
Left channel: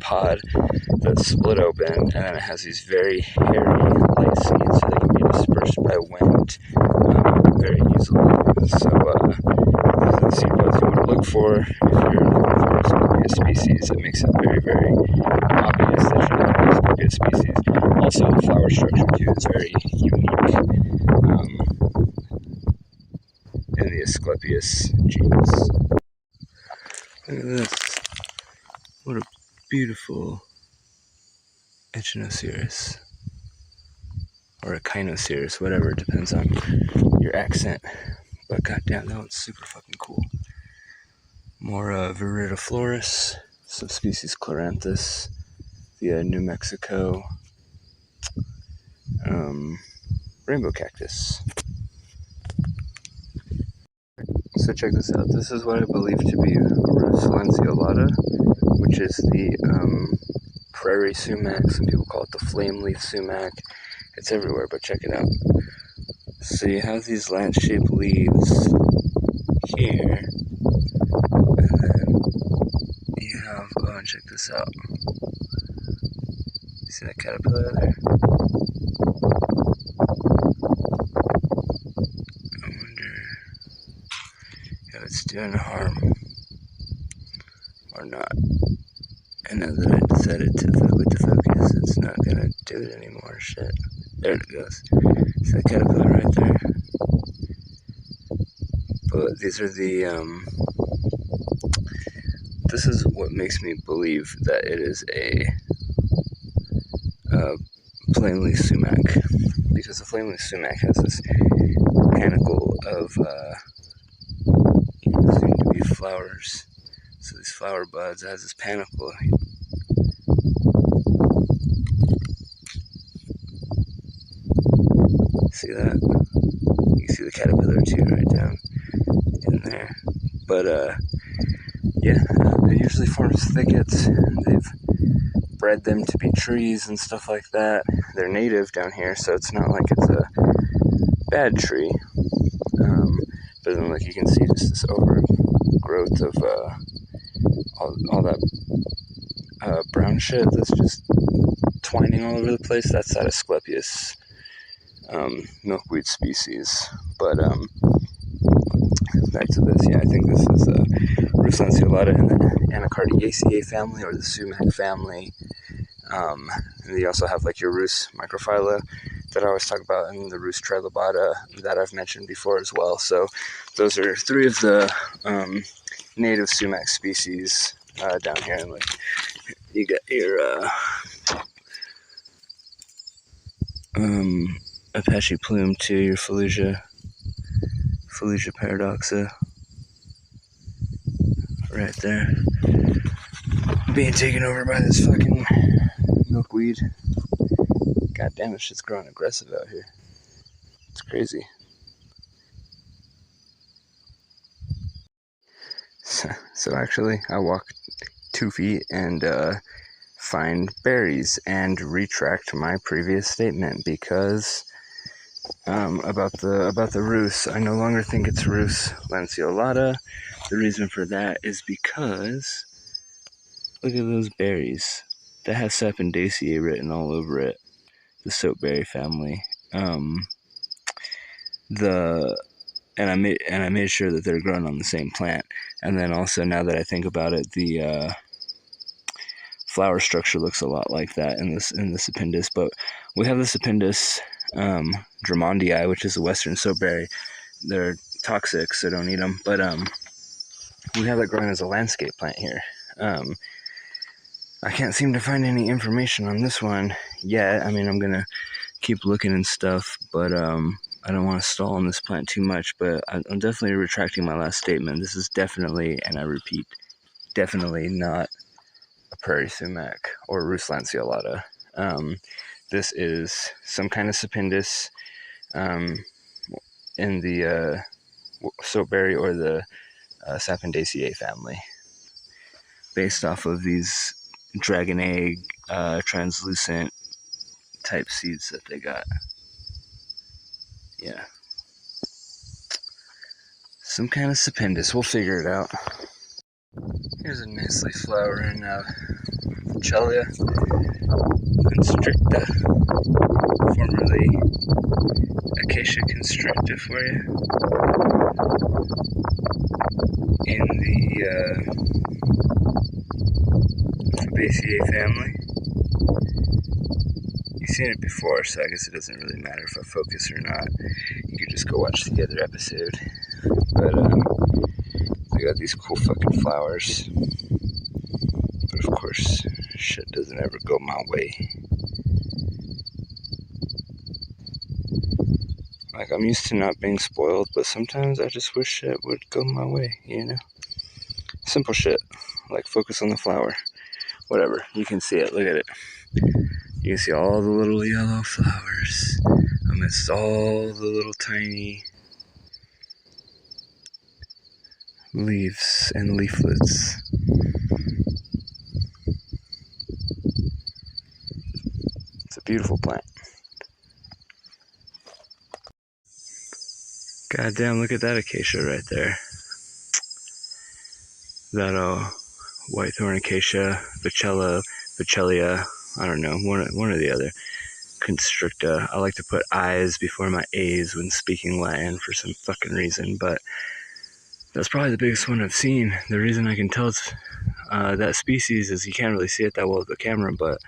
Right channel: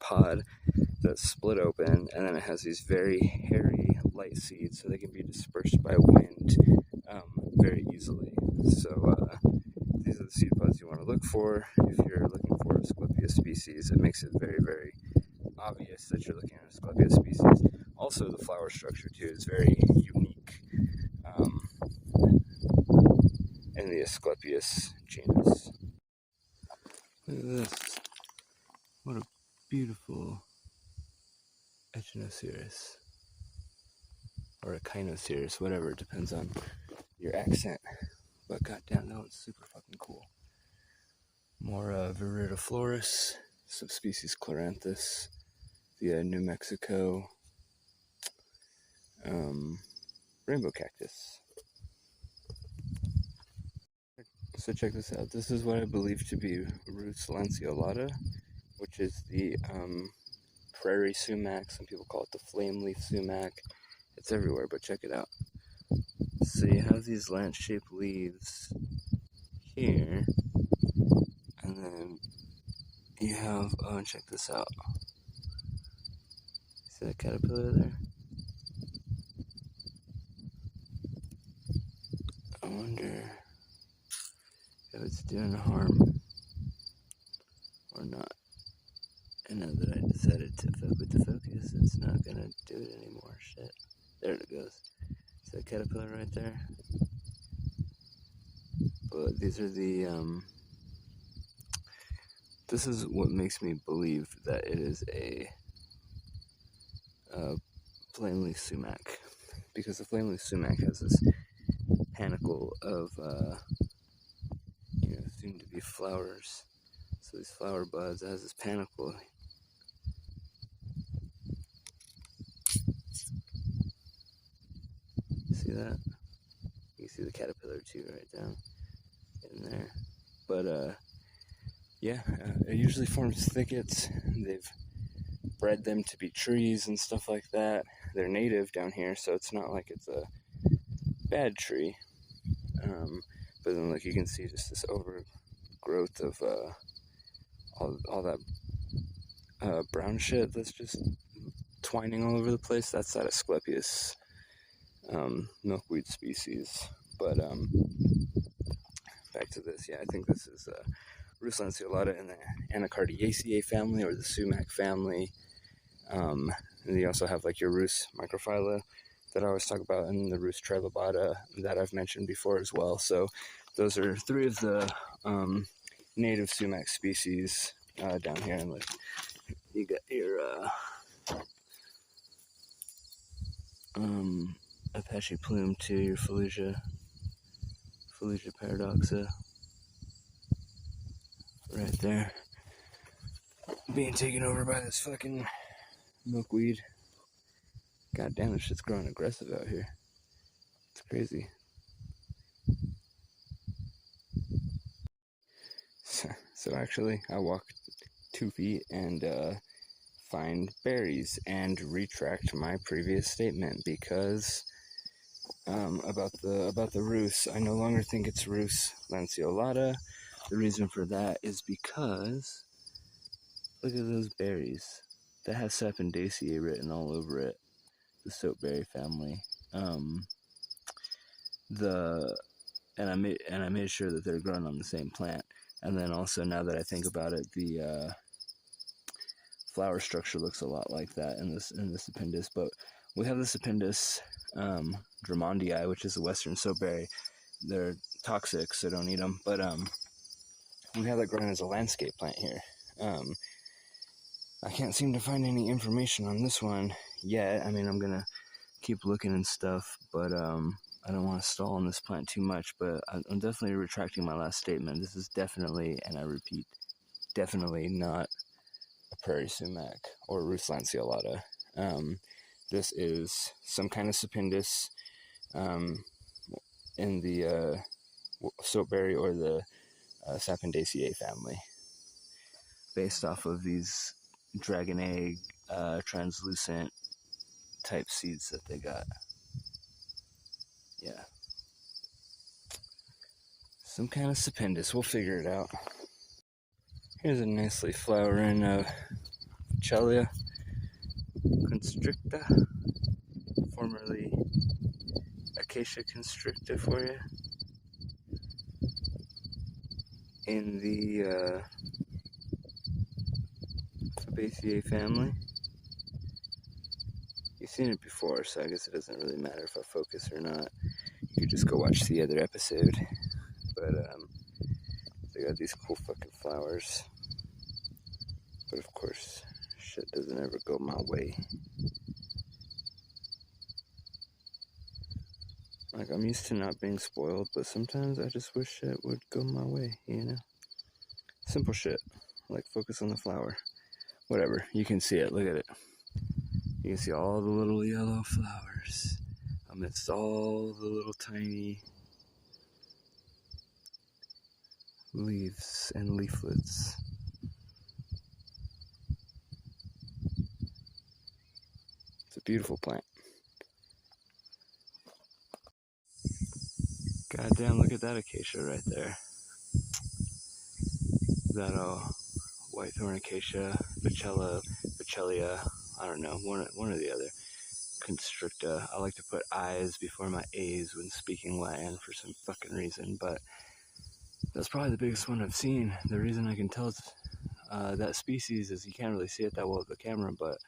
pod that's split open, and then it has these very hairy light seeds so they can be dispersed by wind very easily. So these are the seed pods you want to look for if you're looking for a Scorpius species. It makes it very, very obvious that you're looking for a Scorpius species. Also, the flower structure too is very unique in the Asclepius genus. Look at this. What a beautiful Echinocereus. Or Echinocereus, whatever, it depends on your accent. But goddamn, that one's super fucking cool. More Viridiflorus, subspecies Chloranthus, the New Mexico rainbow cactus. So check this out. This is what I believe to be Rus lanceolata, which is the Prairie Sumac. Some people call it the flame leaf sumac. It's everywhere, but check it out. So you have these lance-shaped leaves here, and then you have, oh, and check this out. See that caterpillar there? I wonder if it's doing harm or not. And now that I decided to fuck with the focus, it's not gonna do it anymore. Shit. There it goes. See that caterpillar right there? But these are the, this is what makes me believe that it is a flame leaf sumac, because the flame leaf sumac has this panicle of soon to be flowers. So these flower buds, it has this panicle. See that? You can see the caterpillar too right down in there. But yeah, it usually forms thickets. They've bred them to be trees and stuff like that. They're native down here, so it's not like it's a bad tree. But then, like, you can see just this overgrowth of all that brown shit that's just twining all over the place. That's that Asclepius milkweed species. But back to this, yeah, I think this is Rus lanceolata in the Anacardiaceae family, or the sumac family. And you also have like your Rus microphylla that I always talk about, and the Rus trilobata that I've mentioned before as well. So those are 3 of the native sumac species down here. And like, you got your Apache plume too, your Fallujah paradoxa right there. being taken over by this fucking milkweed. God damn, this shit's growing aggressive out here. It's crazy. So actually, I walk 2 feet and find berries and retract my previous statement because about the Rus. I no longer think it's Rus lanceolata. The reason for that is because look at those berries. That has Sapindaceae written all over it. The soapberry family. I made sure that they're grown on the same plant. And then also, now that I think about it, the flower structure looks a lot like that in the Sapindus. But we have the Sapindus Drummondii, which is a western soapberry. They're toxic, so don't eat them. But we have it growing as a landscape plant here. I can't seem to find any information on this one yet. I mean, I'm gonna keep looking and stuff, but I don't want to stall on this plant too much. But I'm definitely retracting my last statement. This is definitely, and I repeat, definitely not a Prairie Sumac or Rus lanceolata. This is some kind of Sapindus in the soapberry or the Sapindaceae family, based off of these dragon egg translucent type seeds that they got. Yeah, some kind of Sapindus. We'll figure it out. Here's a nicely flowering Chelia constricta, formerly Acacia constricta for you, in the Fabaceae family. You've seen it before, so I guess it doesn't really matter if I focus or not. You could just go watch the other episode. But they got these cool fucking flowers. But of course, shit doesn't ever go my way. Like, I'm used to not being spoiled, but sometimes I just wish shit would go my way, you know? Simple shit, like focus on the flower. Whatever, you can see it, look at it. You can see all the little yellow flowers amidst all the little tiny leaves and leaflets. It's a beautiful plant. Goddamn, look at that acacia right there. That whitethorn acacia, Bachelia, I don't know, one or the other. Constricta. I like to put I's before my A's when speaking Latin for some fucking reason, but that's probably the biggest one I've seen. The reason I can tell it's that species is you can't really see it that well with the camera, but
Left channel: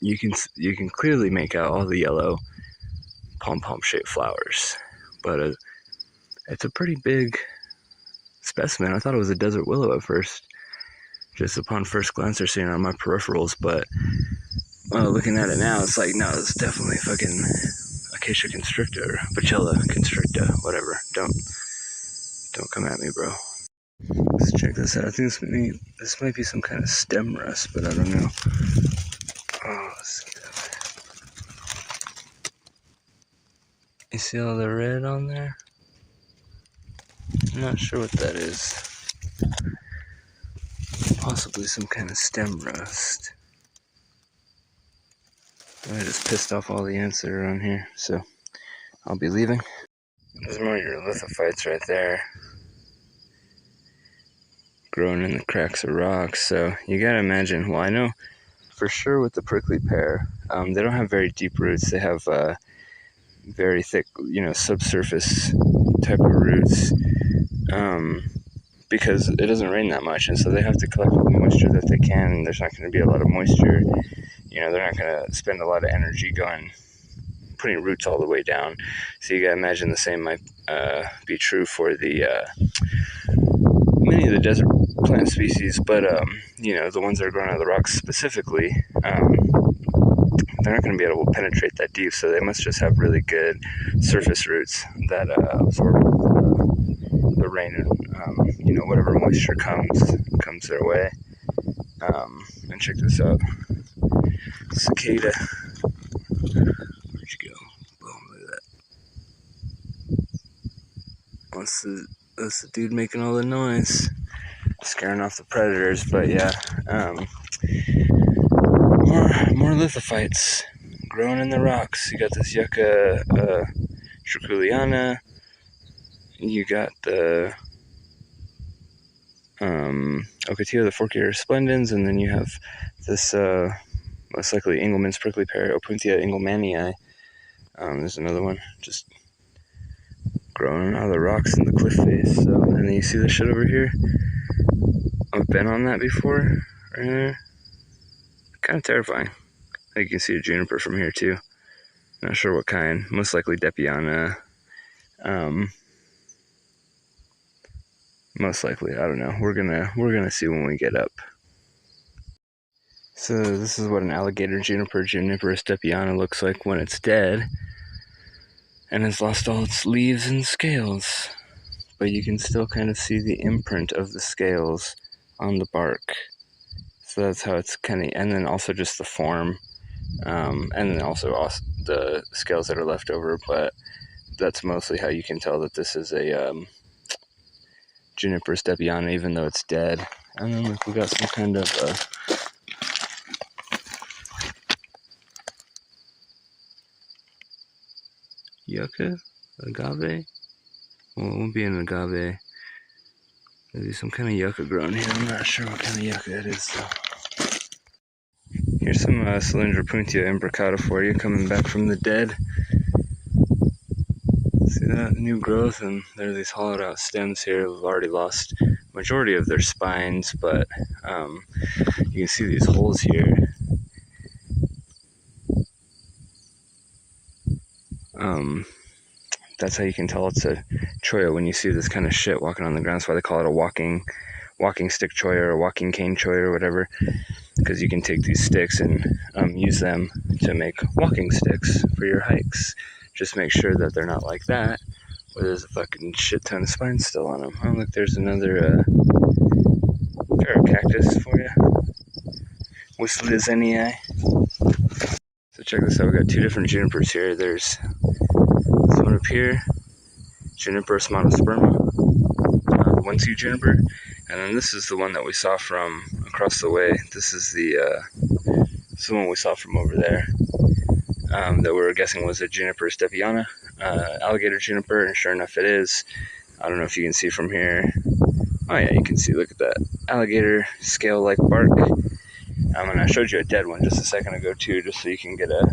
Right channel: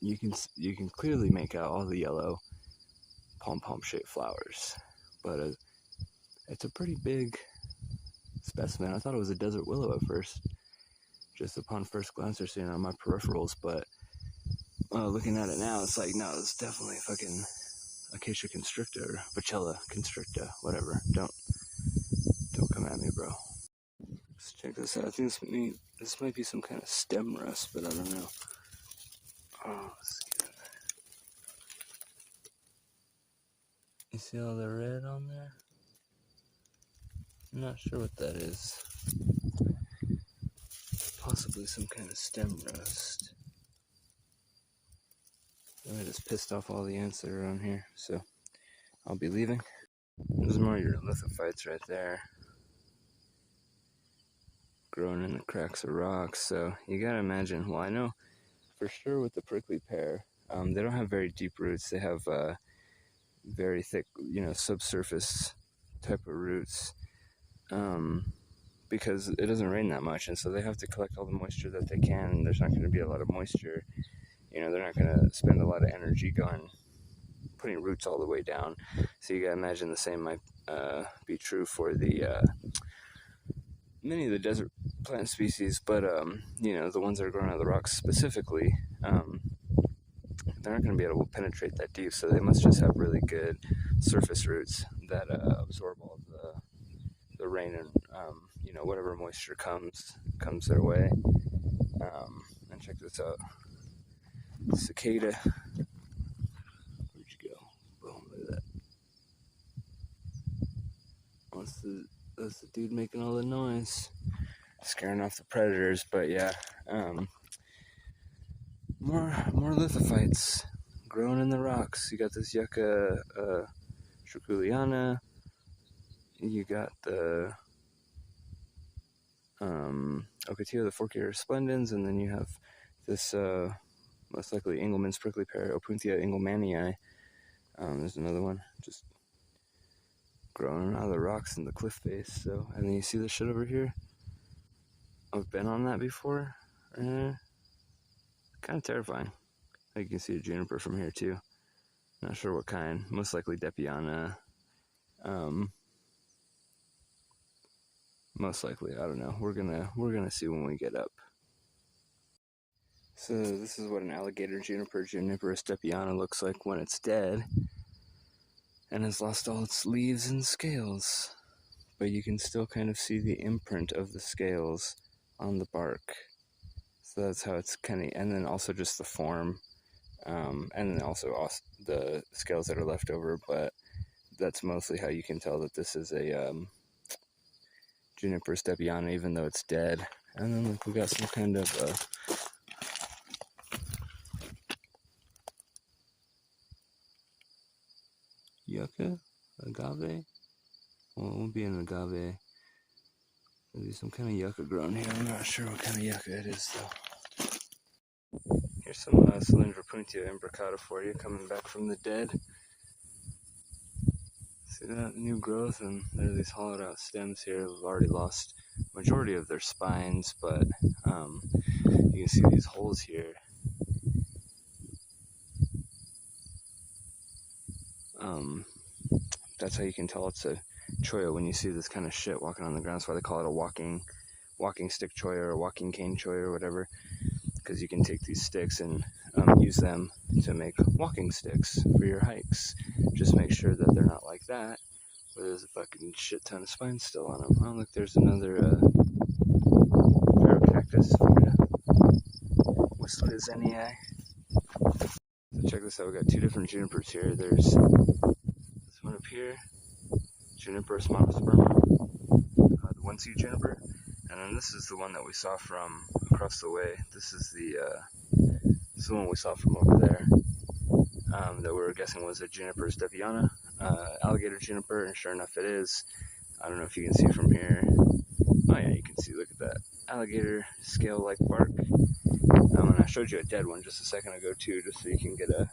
you can clearly make out all the yellow pom-pom shaped flowers. But it's a pretty big specimen. I thought it was a desert willow at first, just upon first glance or seeing it on my peripherals, but looking at it now, it's like, no, it's definitely fucking Acacia constricta or Bacella constricta, whatever. Don't come at me, bro. Let's check this out. I think this might be some kind of stem rust, but I don't know. Oh, let's see that. You see all the red on there? I'm not sure what that is. Possibly some kind of stem rust. I just pissed off all the ants that are on here, so I'll be leaving. There's more urolithophytes right there, growing in the cracks of rocks. So you gotta imagine, well, I know for sure with the prickly pear, they don't have very deep roots. They have very thick, subsurface type of roots, because it doesn't rain that much, and so they have to collect all the moisture that they can, and there's not going to be a lot of moisture. They're not going to spend a lot of energy putting roots all the way down. So you gotta imagine the same might be true for the many of the desert plant species, but the ones that are growing out of the rocks specifically, they're not going to be able to penetrate that deep, so they must just have really good surface roots that absorb the rain and whatever moisture comes their way. And check this out. Cicada. Where'd you go? Boom, look at that. That's the dude making all the noise. Scaring off the predators, but yeah. More lithophytes growing in the rocks. You got this Yucca trichuliana. You got the Ocotillo, the fork-eared splendens, and then you have this most likely Engelmann's prickly pear, Opuntia engelmannii. There's another one just growing out of the rocks in the cliff face. So, and then you see the shit over here. I've been on that before, right there. Kind of terrifying. I think you can see a juniper from here too. Not sure what kind. Most likely Depiana. Most likely, I don't know. We're gonna see when we get up. So this is what an alligator juniper, Juniperus depiana, looks like when it's dead and has lost all its leaves and scales. But you can still kind of see the imprint of the scales on the bark. So that's how it's kind of, and then also just the form, and then also the scales that are left over. But that's mostly how you can tell that this is a Juniperus depiana, even though it's dead. And then like we got some kind of Yucca, agave. Well, it won't be an agave. Maybe some kind of yucca growing here. I'm not sure what kind of yucca it is though. Here's some Cylindropuntia imbricata for you, coming back from the dead. See that? New growth, and there are these hollowed out stems here who've already lost majority of their spines, but you can see these holes here. That's how you can tell it's a cholla when you see this kind of shit walking on the ground. That's why they call it a walking stick cholla or walking cane cholla or whatever, because you can take these sticks and use them to make walking sticks for your hikes. Just make sure that they're not like that, where there's a fucking shit ton of spines still on them. Oh look, there's another pair of cactus for you. Whistledozenii. So check this out, we got two different junipers here. There's this one up here, Juniperus monosperma, one seed juniper, and then this is the one that we saw from across the way. This is the one we saw from over there, that we were guessing was a Juniperus depiana, alligator juniper, and sure enough it is. I don't know if you can see from here. Oh yeah, you can see, look at that alligator scale-like bark. And I showed you a dead one just a second ago too, just so you can get a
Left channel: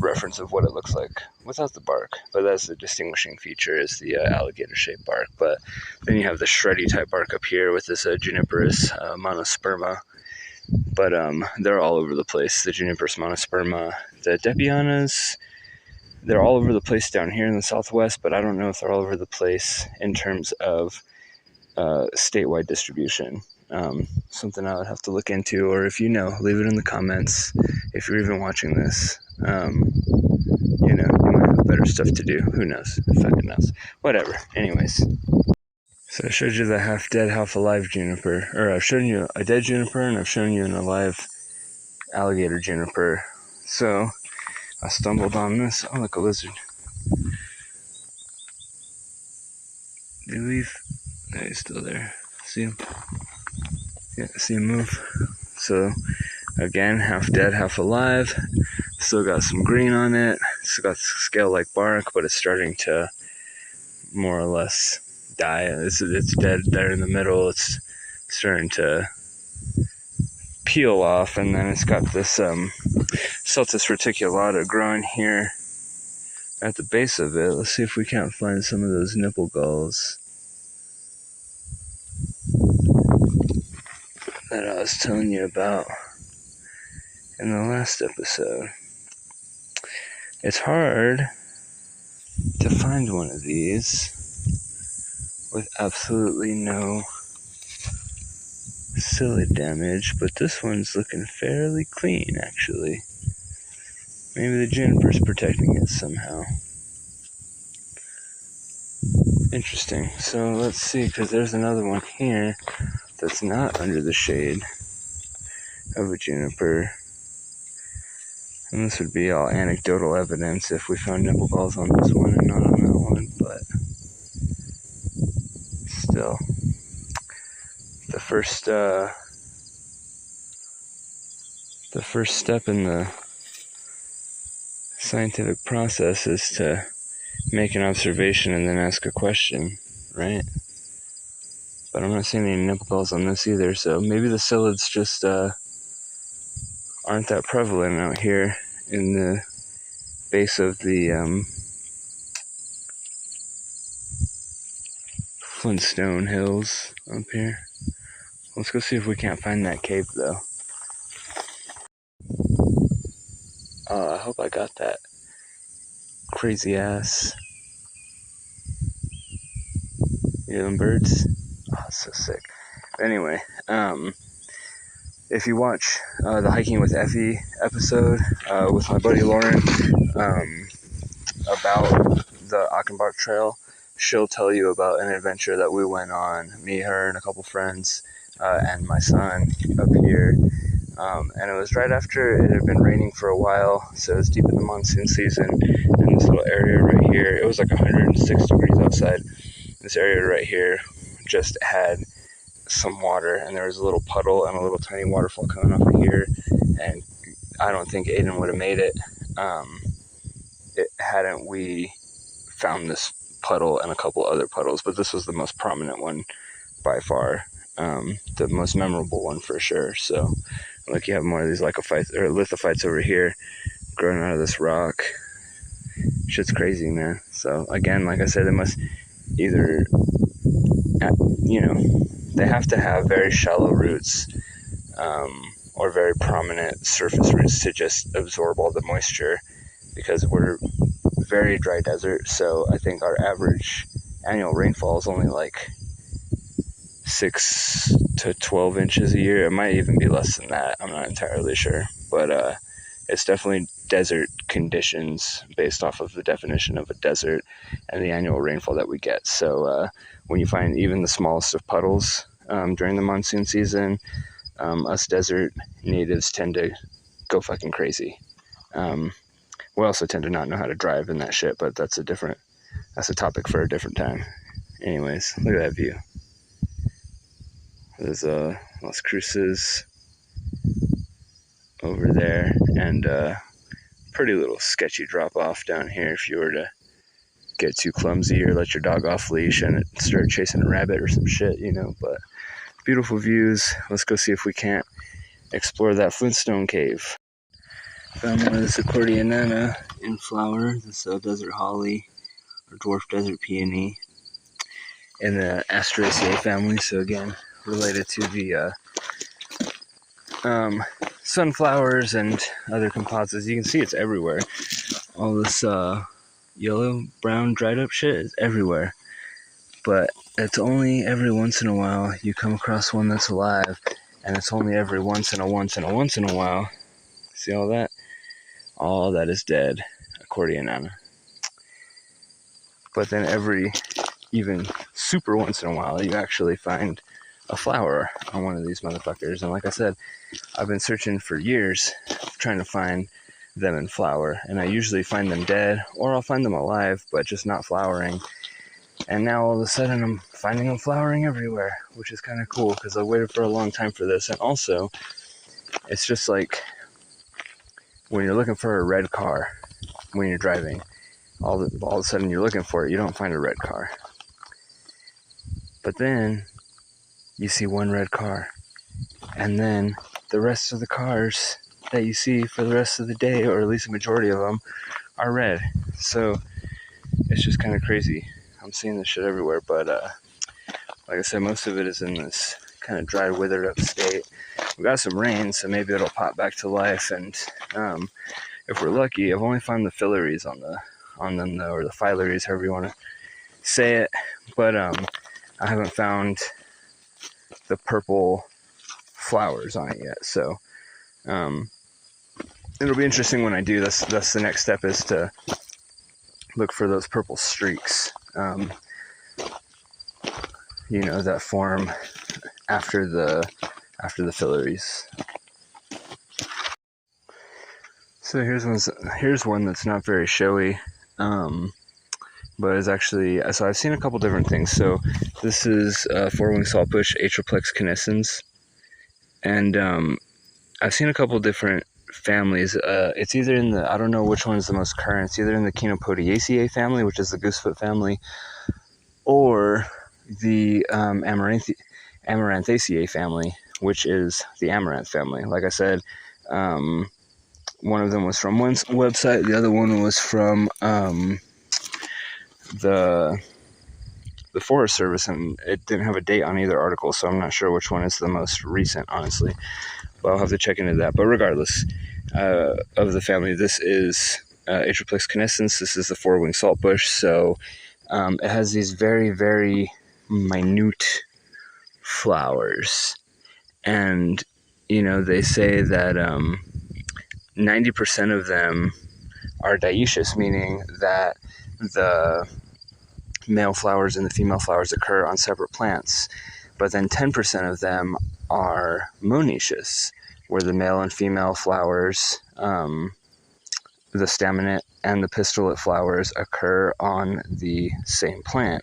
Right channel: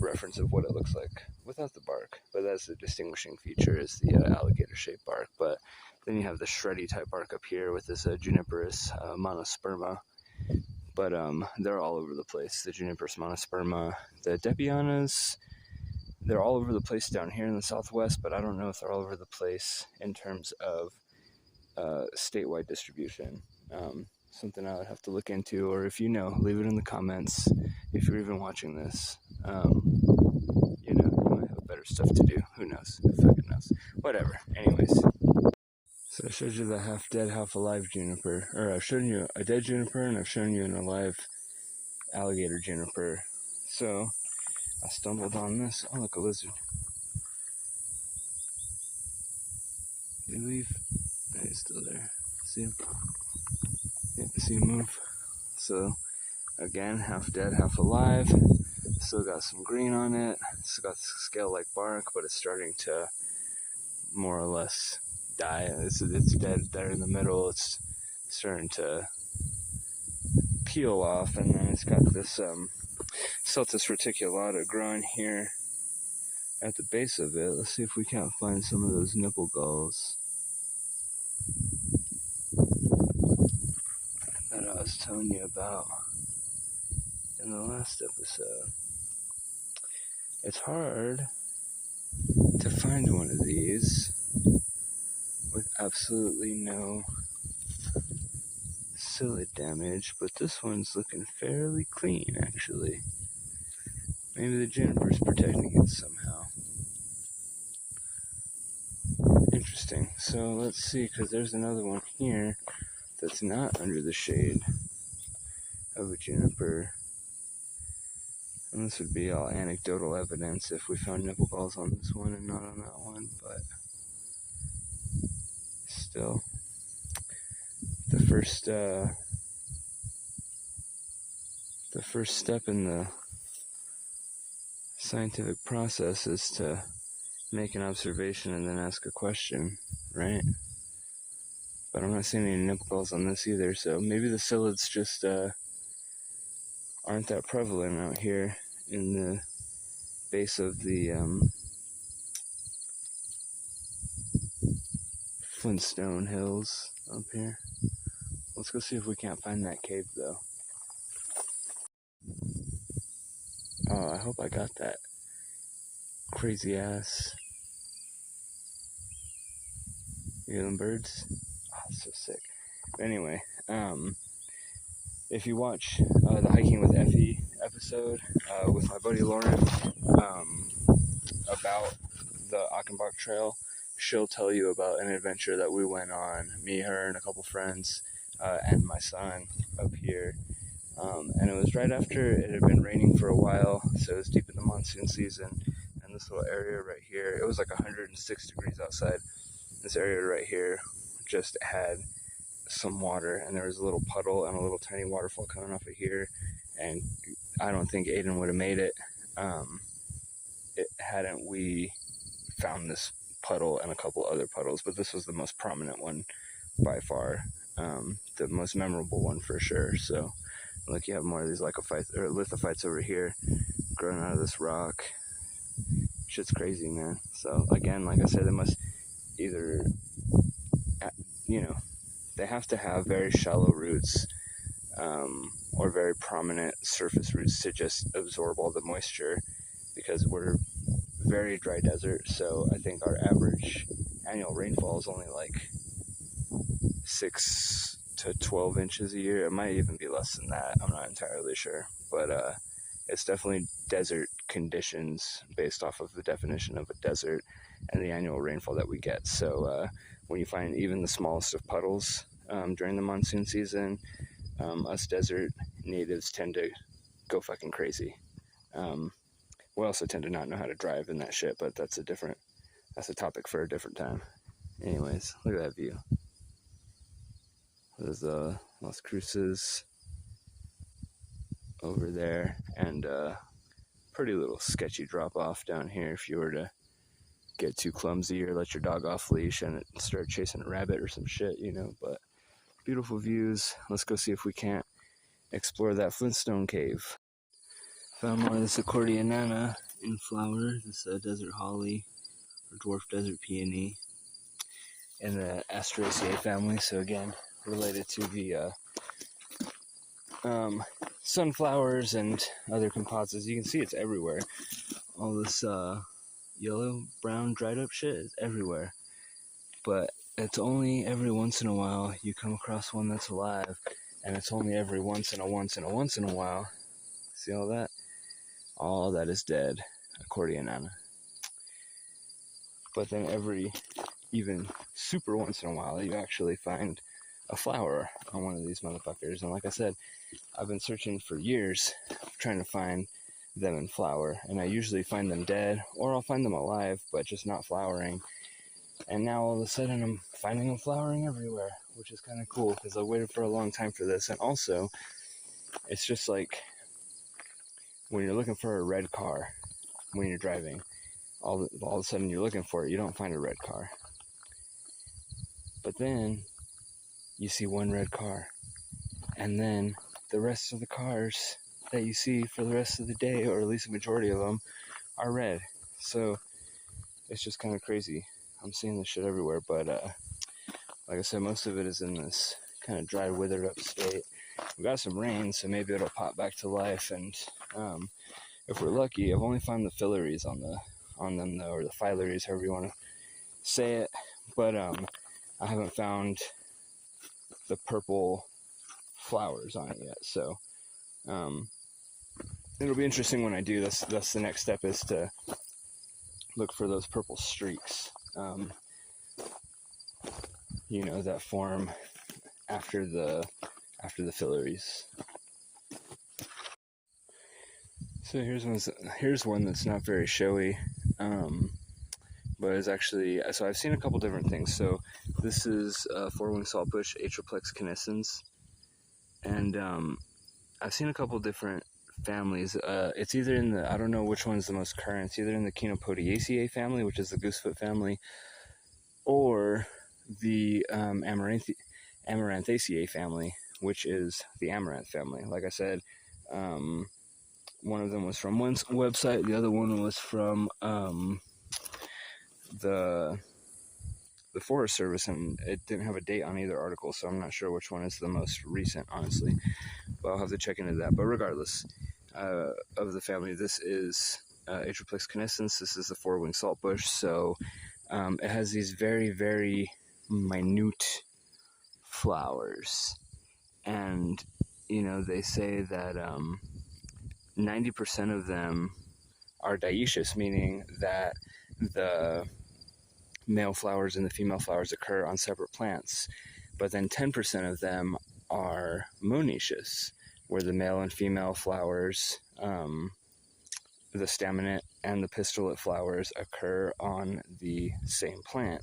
reference of what it looks like without the bark. But that's the distinguishing feature, is the alligator-shaped bark. But then you have the shreddy type bark up here with this Juniperus monosperma. But they're all over the place. The Juniperus monosperma, the depianas, they're all over the place down here in the southwest. But I don't know if they're all over the place in terms of statewide distribution. Something I would have to look into, or if you know, leave it in the comments. If you're even watching this, you might have better stuff to do. Who knows? Fucking knows. Whatever. Anyways, so I showed you the half dead, half alive juniper, or I've shown you a dead juniper, and I've shown you an alive alligator juniper. So I stumbled on this. Oh, look, a lizard. Did he leave? No, he's still there. See him? Yeah, see him move. So again, half dead, half alive. Still got some green on it. Still got scale-like bark, but it's starting to more or less die. It's dead there in the middle. It's starting to peel off, and then it's got this Celtis reticulata growing here at the base of it. Let's see if we can't find some of those nipple gulls that I was telling you about in the last episode. It's hard to find one of these with absolutely no psyllid damage, but this one's looking fairly clean, actually. Maybe the juniper's protecting it somehow. Interesting. So let's see, because there's another one here that's not under the shade. of a juniper. And this would be all anecdotal evidence if we found nipple galls on this one and not on that one, but still. The first step in the scientific process is to make an observation and then ask a question, right? But I'm not seeing any nipple galls on this either, so maybe the psyllids just aren't that prevalent out here in the base of the Flintstone Hills up here. Let's go see if we can't find that cave, though. Oh, I hope I got that crazy ass. You hear them birds? Oh, it's so sick. Anyway, if you watch the Hiking with Effie episode with my buddy Lauren about the Achenbach Trail, she'll tell you about an adventure that we went on, me, her, and a couple friends, and my son up here. And it was right after it had been raining for a while, so it was deep in the monsoon season, and this little area right here, it was like 106 degrees outside. This area right here just had some water, and there was a little puddle and a little tiny waterfall coming off of here, and I don't think Aiden would have made it, hadn't we found this puddle and a couple other puddles, but this was the most prominent one by far, the most memorable one for sure. So like you have more of these lithophytes over here growing out of this rock. Shit's crazy, man. So again, like I said, they must either, they have to have very shallow roots or very prominent surface roots to just absorb all the moisture, because we're very dry desert. So I think our average annual rainfall is only like 6 to 12 inches a year. It might even be less than that. I'm not entirely sure, but it's definitely desert conditions based off of the definition of a desert and the annual rainfall that we get. So when you find even the smallest of puddles during the monsoon season, us desert natives tend to go fucking crazy. We also tend to not know how to drive in that shit, but that's a topic for a different time. Anyways, look at that view. There's Las Cruces over there, and pretty little sketchy drop off down here if you were to get too clumsy or let your dog off leash and it start chasing a rabbit or some shit, but beautiful views. Let's go see if we can't explore that Flintstone Cave. Found one of this Accordeonana in flower. This desert holly or dwarf desert peony in the Asparagus Family. So again, related to the sunflowers and other composites. You can see it's everywhere. All this yellow, brown, dried up shit is everywhere. But it's only every once in a while you come across one that's alive, and it's only every once in a while. See all that? All that is dead. Accordeonana. But then every, even super once in a while, you actually find a flower on one of these motherfuckers. And like I said, I've been searching for years trying to find them in flower, and I usually find them dead, or I'll find them alive but just not flowering. And now all of a sudden I'm finding them flowering everywhere, which is kind of cool because I waited for a long time for this. And also, it's just like when you're looking for a red car when you're driving, all of a sudden you're looking for it, you don't find a red car, but then you see one red car, and then the rest of the cars that you see for the rest of the day, or at least a majority of them, are red. So it's just kind of crazy. I'm seeing this shit everywhere, but like I said, most of it is in this kind of dry, withered up state. We got some rain, so maybe it'll pop back to life, and if we're lucky, I've only found the filaries on them though, or the filaries, however you want to say it, but I haven't found the purple flowers on it yet. So it'll be interesting when I do. That's the next step, is to look for those purple streaks, that form after the filaries. So here's one that's not very showy, but is actually, so I've seen a couple different things. So this is four-winged saltbush, Atriplex canescens, and I've seen a couple different families. It's either in the, I don't know which one is the most current. It's either in the Chenopodiaceae family, which is the goosefoot family, or the Amaranthaceae family, which is the amaranth family. Like I said, one of them was from one website, the other one was from the Forest Service, and it didn't have a date on either article, so I'm not sure which one is the most recent, honestly. But I'll have to check into that. But regardless of the family, this is Atriplex canescens. This is the four-winged saltbush, so it has these very, very minute flowers, and they say that 90% of them are dioecious, meaning that the male flowers and the female flowers occur on separate plants, but then 10% of them are monoecious, where the male and female flowers, the staminate and the pistillate flowers, occur on the same plant.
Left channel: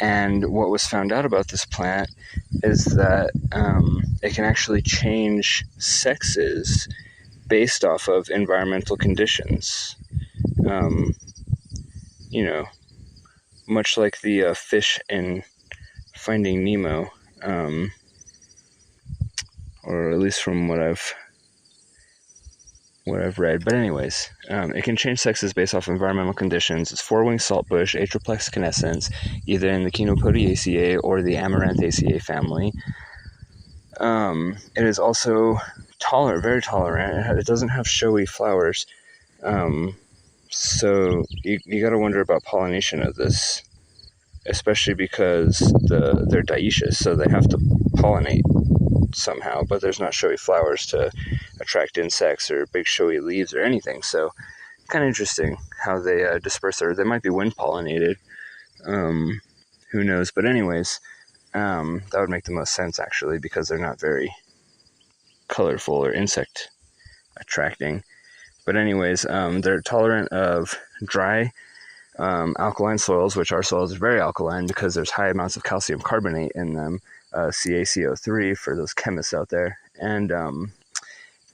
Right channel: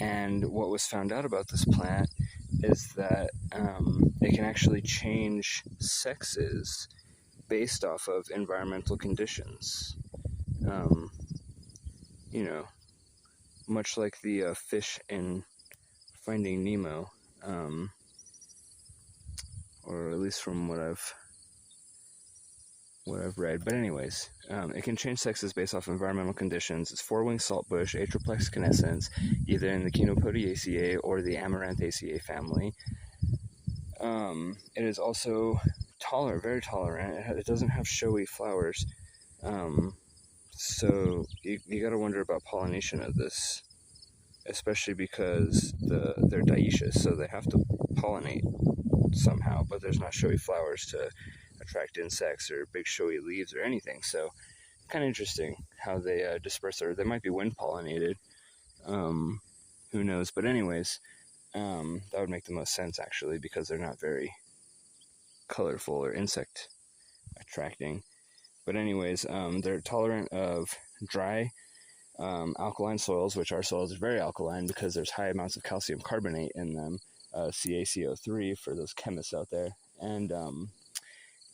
And what was found out about this plant is that it can actually change sexes based off of environmental conditions. Much like the fish in Finding Nemo, or at least from what I've read. But anyways, it can change sexes based off environmental conditions. It's four-winged saltbush, Atriplex canescens, either in the Chenopodiaceae or the Amaranthaceae family. It is also very tolerant. It doesn't have showy flowers. So you got to wonder about pollination of this, especially because they're dioecious, so they have to pollinate somehow, but there's not showy flowers to attract insects or big showy leaves or anything. So kind of interesting how they disperse they might be wind pollinated. Who knows? But anyways, that would make the most sense actually, because they're not very colorful or insect attracting. But anyways, they're tolerant of dry alkaline soils, which our soils are very alkaline because there's high amounts of calcium carbonate in them, CaCO3 for those chemists out there. And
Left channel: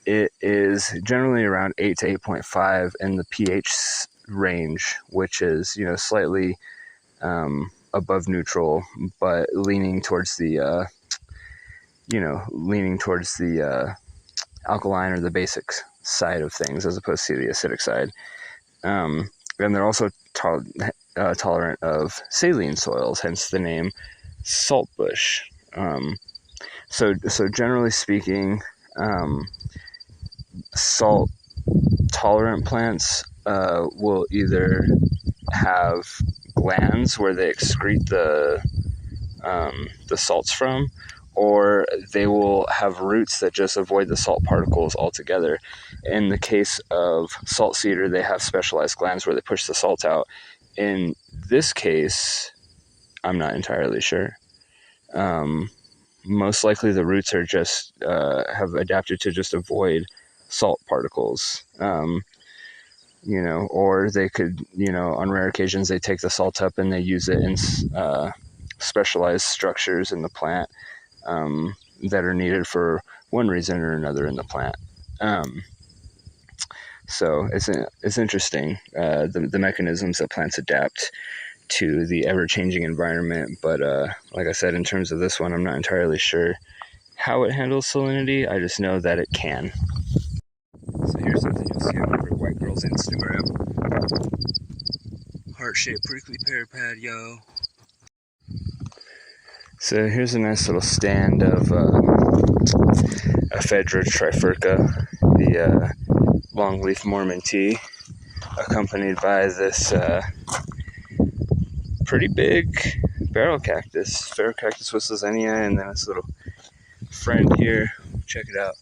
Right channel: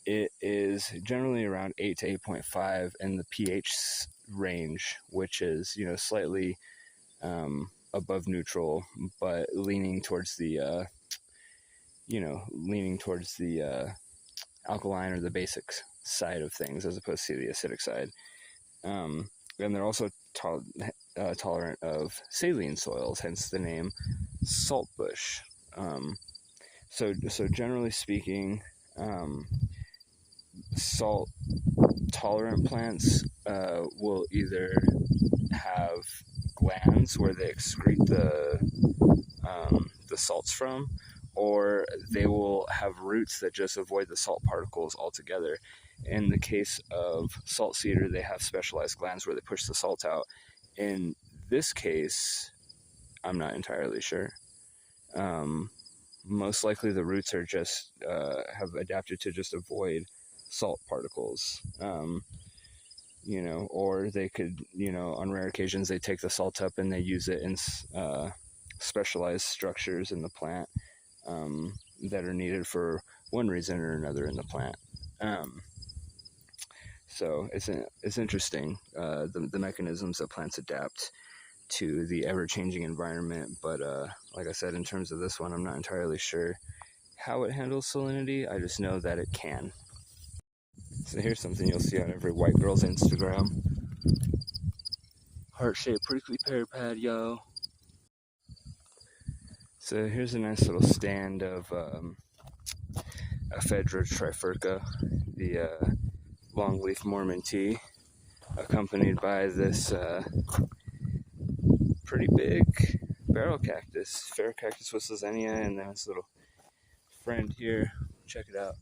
it is generally around 8 to 8.5 in the pH range, which is, slightly above neutral, but leaning towards the alkaline or the basic side of things, as opposed to the acidic side. And they're also tolerant of saline soils, hence the name saltbush. So generally speaking, salt tolerant plants will either have glands where they excrete the salts from, or they will have roots that just avoid the salt particles altogether. In the case of salt cedar, they have specialized glands where they push the salt out. In this case, I'm not entirely sure. Most likely the roots are just have adapted to just avoid salt particles. Or they could, on rare occasions, they take the salt up and they use it in specialized structures in the plant that are needed for one reason or another in the plant. So it's interesting, the mechanisms that plants adapt to the ever-changing environment. But like I said, in terms of this one, I'm not entirely sure how it handles salinity. I just know that it can. So here's something you'll see on every white girl's Instagram. Heart-shaped prickly pear pad, yo. So here's a nice little stand of Ephedra trifurca, the longleaf Mormon tea, accompanied by this pretty big barrel cactus, Pharaoh cactus whistlesenia, and then this little friend here. Check it out.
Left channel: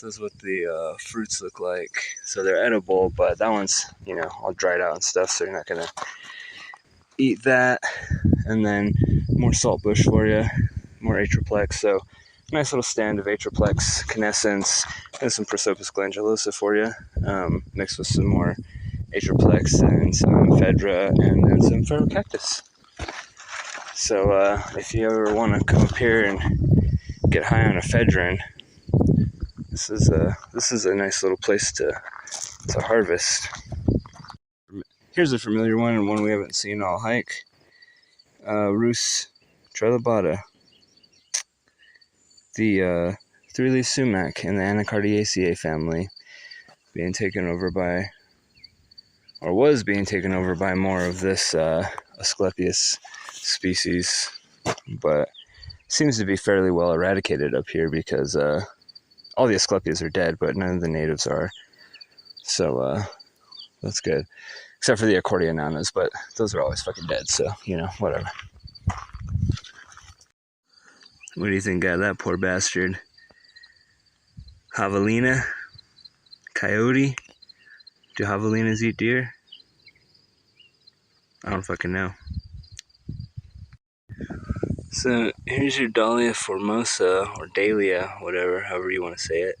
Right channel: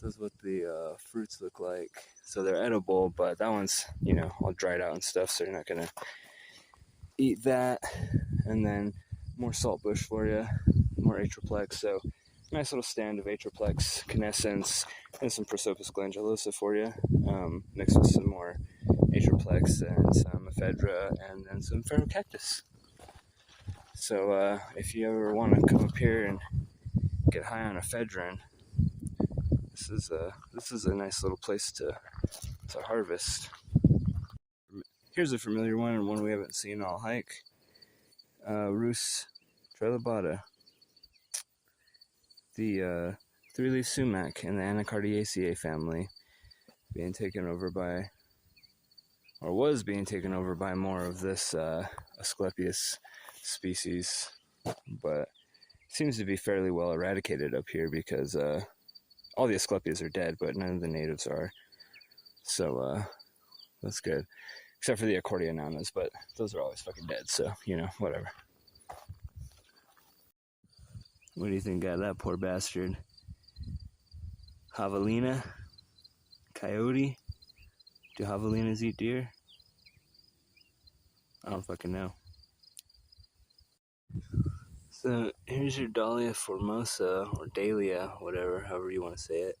This is what the fruits look like. So they're edible, but that one's, all dried out and stuff, so you're not gonna eat that. And then more saltbush for you, more Atriplex. So nice little stand of Atriplex, Canescence, and some Prosopis glandulosa for you, mixed with some more Atriplex and some Ephedra and then some Ferrocactus. So if you ever want to come up here and get high on ephedrine, this is a nice little place to harvest. Here's a familiar one and one we haven't seen all hike. Rus trilobata, the three-leaf sumac in the Anacardiaceae family, being taken over by, or was being taken over by more of this Asclepius species, but seems to be fairly well eradicated up here because all the Asclepias are dead, but none of the natives are. So that's good. Except for the Accordionanas, but those are always fucking dead, so, you know, whatever. What do you think got that poor bastard? Javelina? Coyote? Do javelinas eat deer? I don't fucking know. So here's your Dahlia formosa, or Dahlia, whatever, however you want to say it.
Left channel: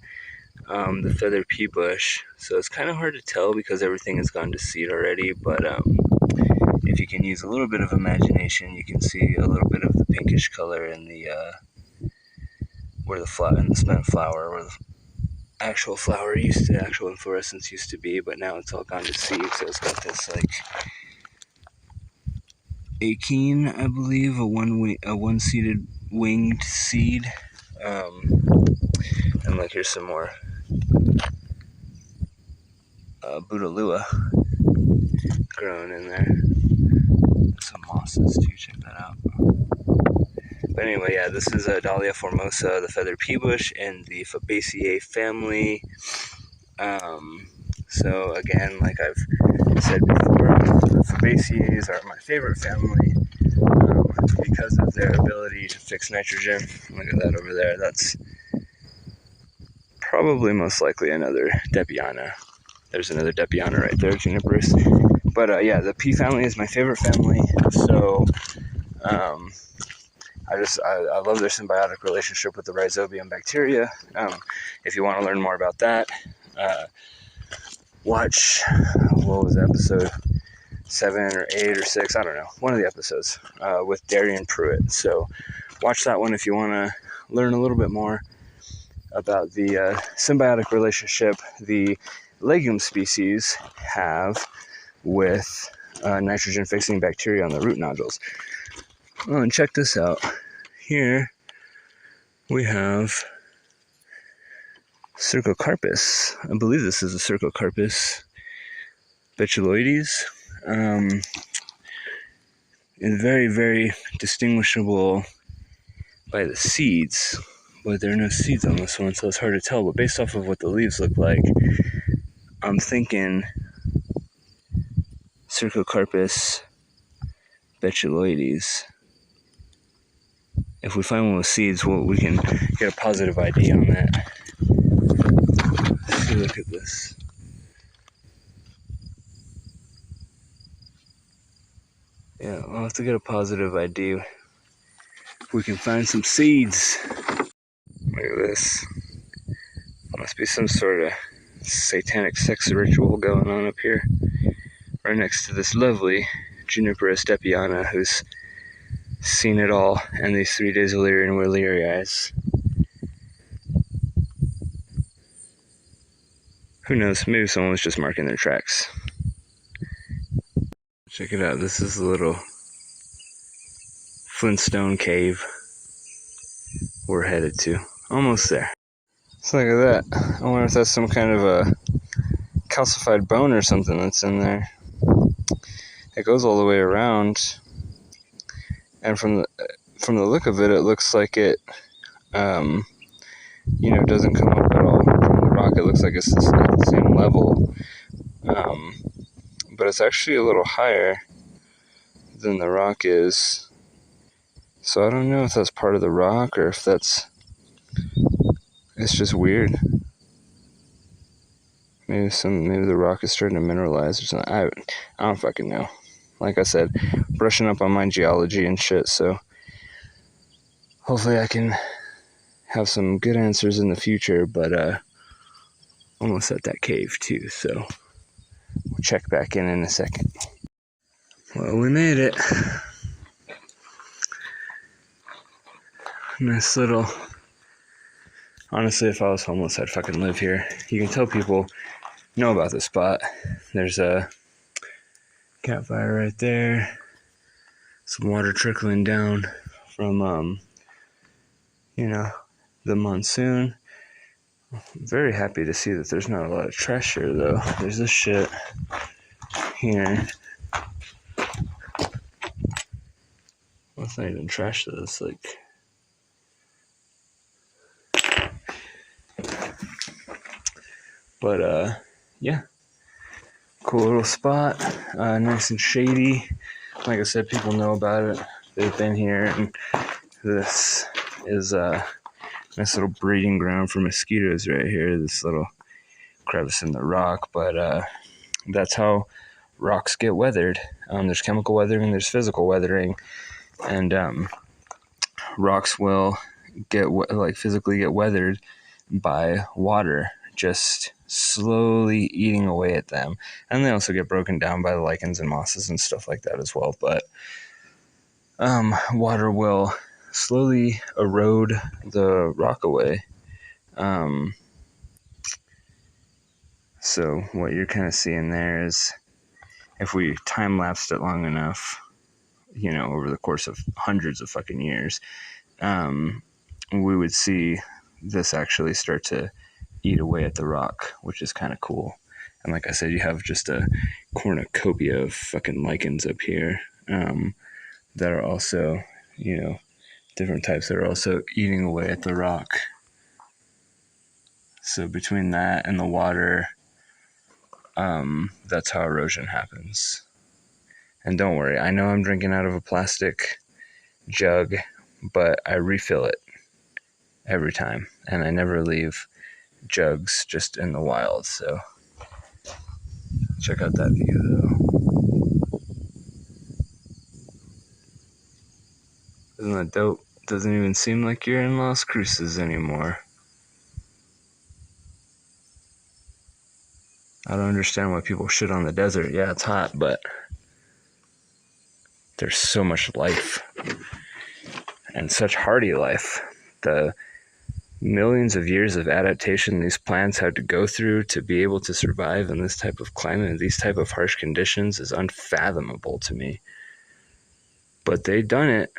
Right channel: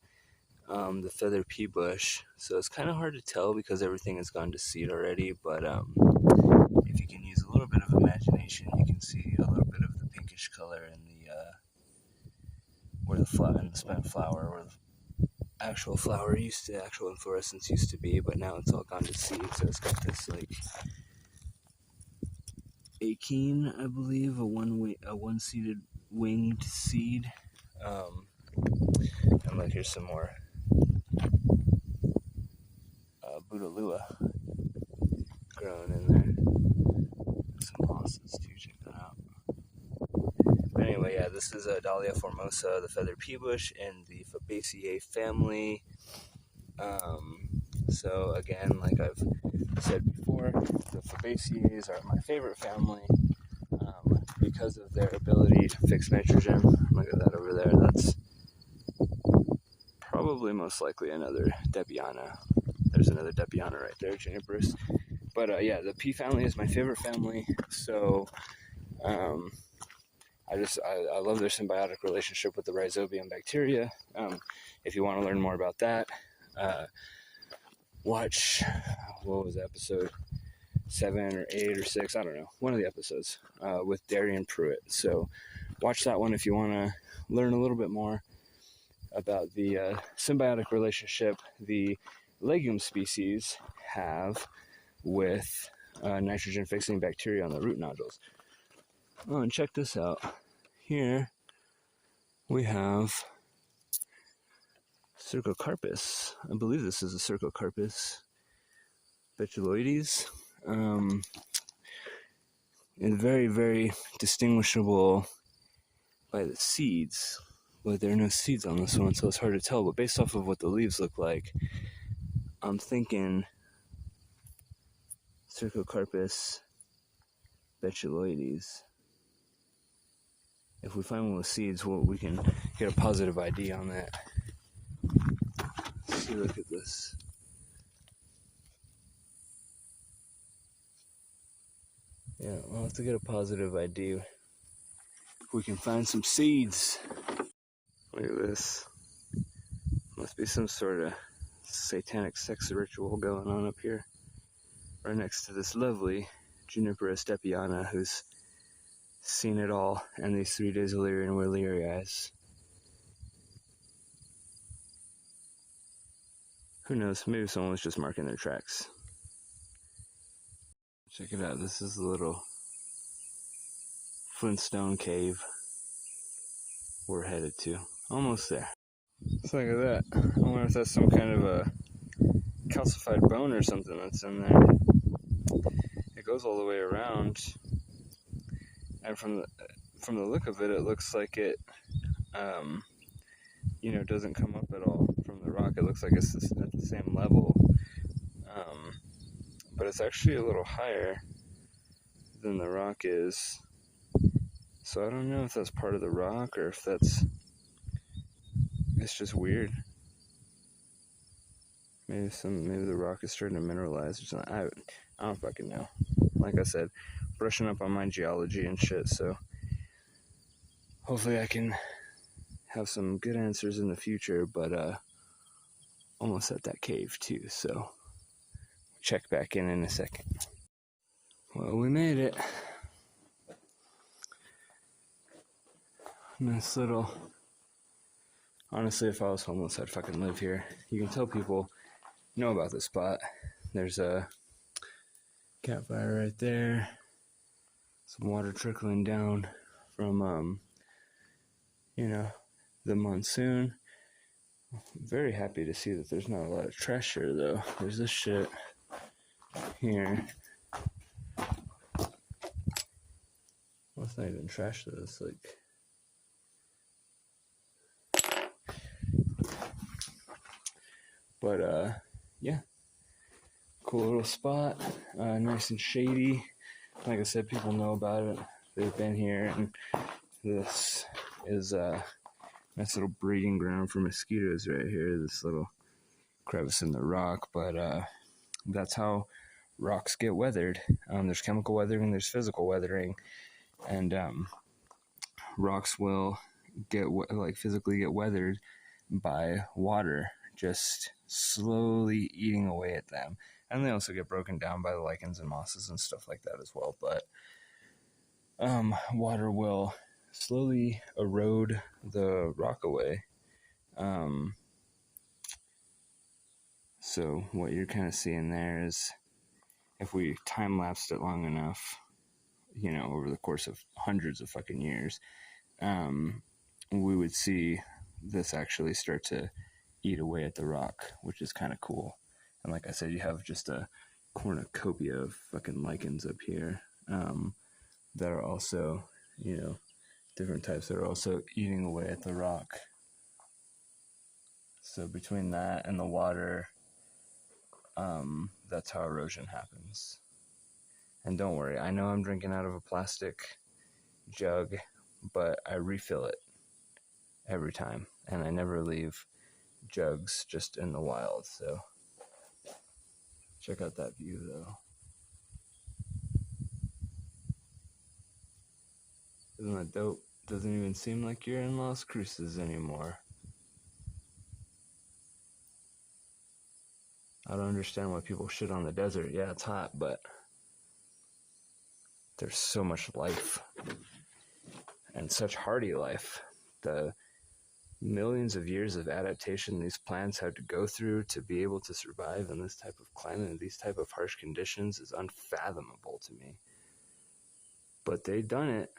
The feather pea bush. So it's kind of hard to tell because everything has gone to seed already, but if you can use a little bit of imagination, you can see a little bit of the pinkish color in the where the spent flower, where the actual flower actual inflorescence used to be, but now it's all gone to seed. So it's got this like Achene, I believe, a one-seeded winged seed. And like here's some more Budalua grown in there. Some mosses too, check that out. But anyway, yeah, this is Dahlia formosa, the feather pea bush in the Fabaceae family. So again, like I've said before, Fabaceae are my favorite family because of their ability to fix nitrogen. Look at that over there. That's probably most likely another Depiana. There's another Depiana right there, Juniperus. But yeah, the pea family is my favorite family. So I love their symbiotic relationship with the Rhizobium bacteria. If you want to learn more about that, watch, what was episode 7 or 8 or 6, I don't know, one of the episodes with Darian Pruitt. So watch that one if you want to learn a little bit more about the symbiotic relationship the legume species have with nitrogen-fixing bacteria on the root nodules. Oh, and check this out. Here we have Cercocarpus. I believe this is a Cercocarpus betuloides. And very, very distinguishable by the seeds. But there are no seeds on this one, so it's hard to tell. But based off of what the leaves look like, I'm thinking Cercocarpus betuloides. If we find one with seeds, well, we can get a positive ID on that. Let's see, look at this. Yeah, we'll have to get a positive ID if we can find some seeds. Look at this. Must be some sort of satanic sex ritual going on up here. Right next to this lovely Juniperus Depiana who's seen it all, and these 3 days of Illyrian Willerii. Who knows, maybe someone was just marking their tracks. Check it out, this is the little Flintstone Cave we're headed to. Almost there. So look at that. I wonder if that's some kind of a calcified bone or something that's in there. It goes all the way around, and from the look of it, it looks like it, doesn't come up at all from the rock. It looks like it's at the same level, but it's actually a little higher than the rock is. So I don't know if that's part of the rock or if it's just weird. Maybe the rock is starting to mineralize or something. I don't fucking know. Like I said, brushing up on my geology and shit, so hopefully I can have some good answers in the future, but almost at that cave too, so we'll check back in a second. Well, we made it. Nice little... Honestly, if I was homeless, I'd fucking live here. You can tell people know about this spot. There's a campfire right there. Some water trickling down from, the monsoon. I'm very happy to see that there's not a lot of trash here, though. There's this shit here. Well, it's not even trash, though. It's like... But, yeah. Cool little spot. Nice and shady. Like I said, people know about it. They've been here, and this is a nice little breeding ground for mosquitoes right here. This little crevice in the rock, but that's how rocks get weathered. There's chemical weathering, there's physical weathering, and rocks will physically get weathered by water just slowly eating away at them. And they also get broken down by the lichens and mosses and stuff like that as well. But water will slowly erode the rock away. So what you're kind of seeing there is, if we time-lapsed it long enough, over the course of hundreds of fucking years, we would see this actually start to eat away at the rock, which is kind of cool. And like I said, you have just a cornucopia of fucking lichens up here that are also, different types that are also eating away at the rock. So between that and the water, that's how erosion happens. And don't worry, I know I'm drinking out of a plastic jug, but I refill it every time, and I never leave jugs just in the wild. So check out that view, though. Isn't that dope? Doesn't even seem like you're in Las Cruces anymore. I don't understand why people shit on the desert. Yeah, it's hot, but there's so much life, and such hardy life. The millions of years of adaptation these plants had to go through to be able to survive in this type of climate and these type of harsh conditions is unfathomable to me. But they done it.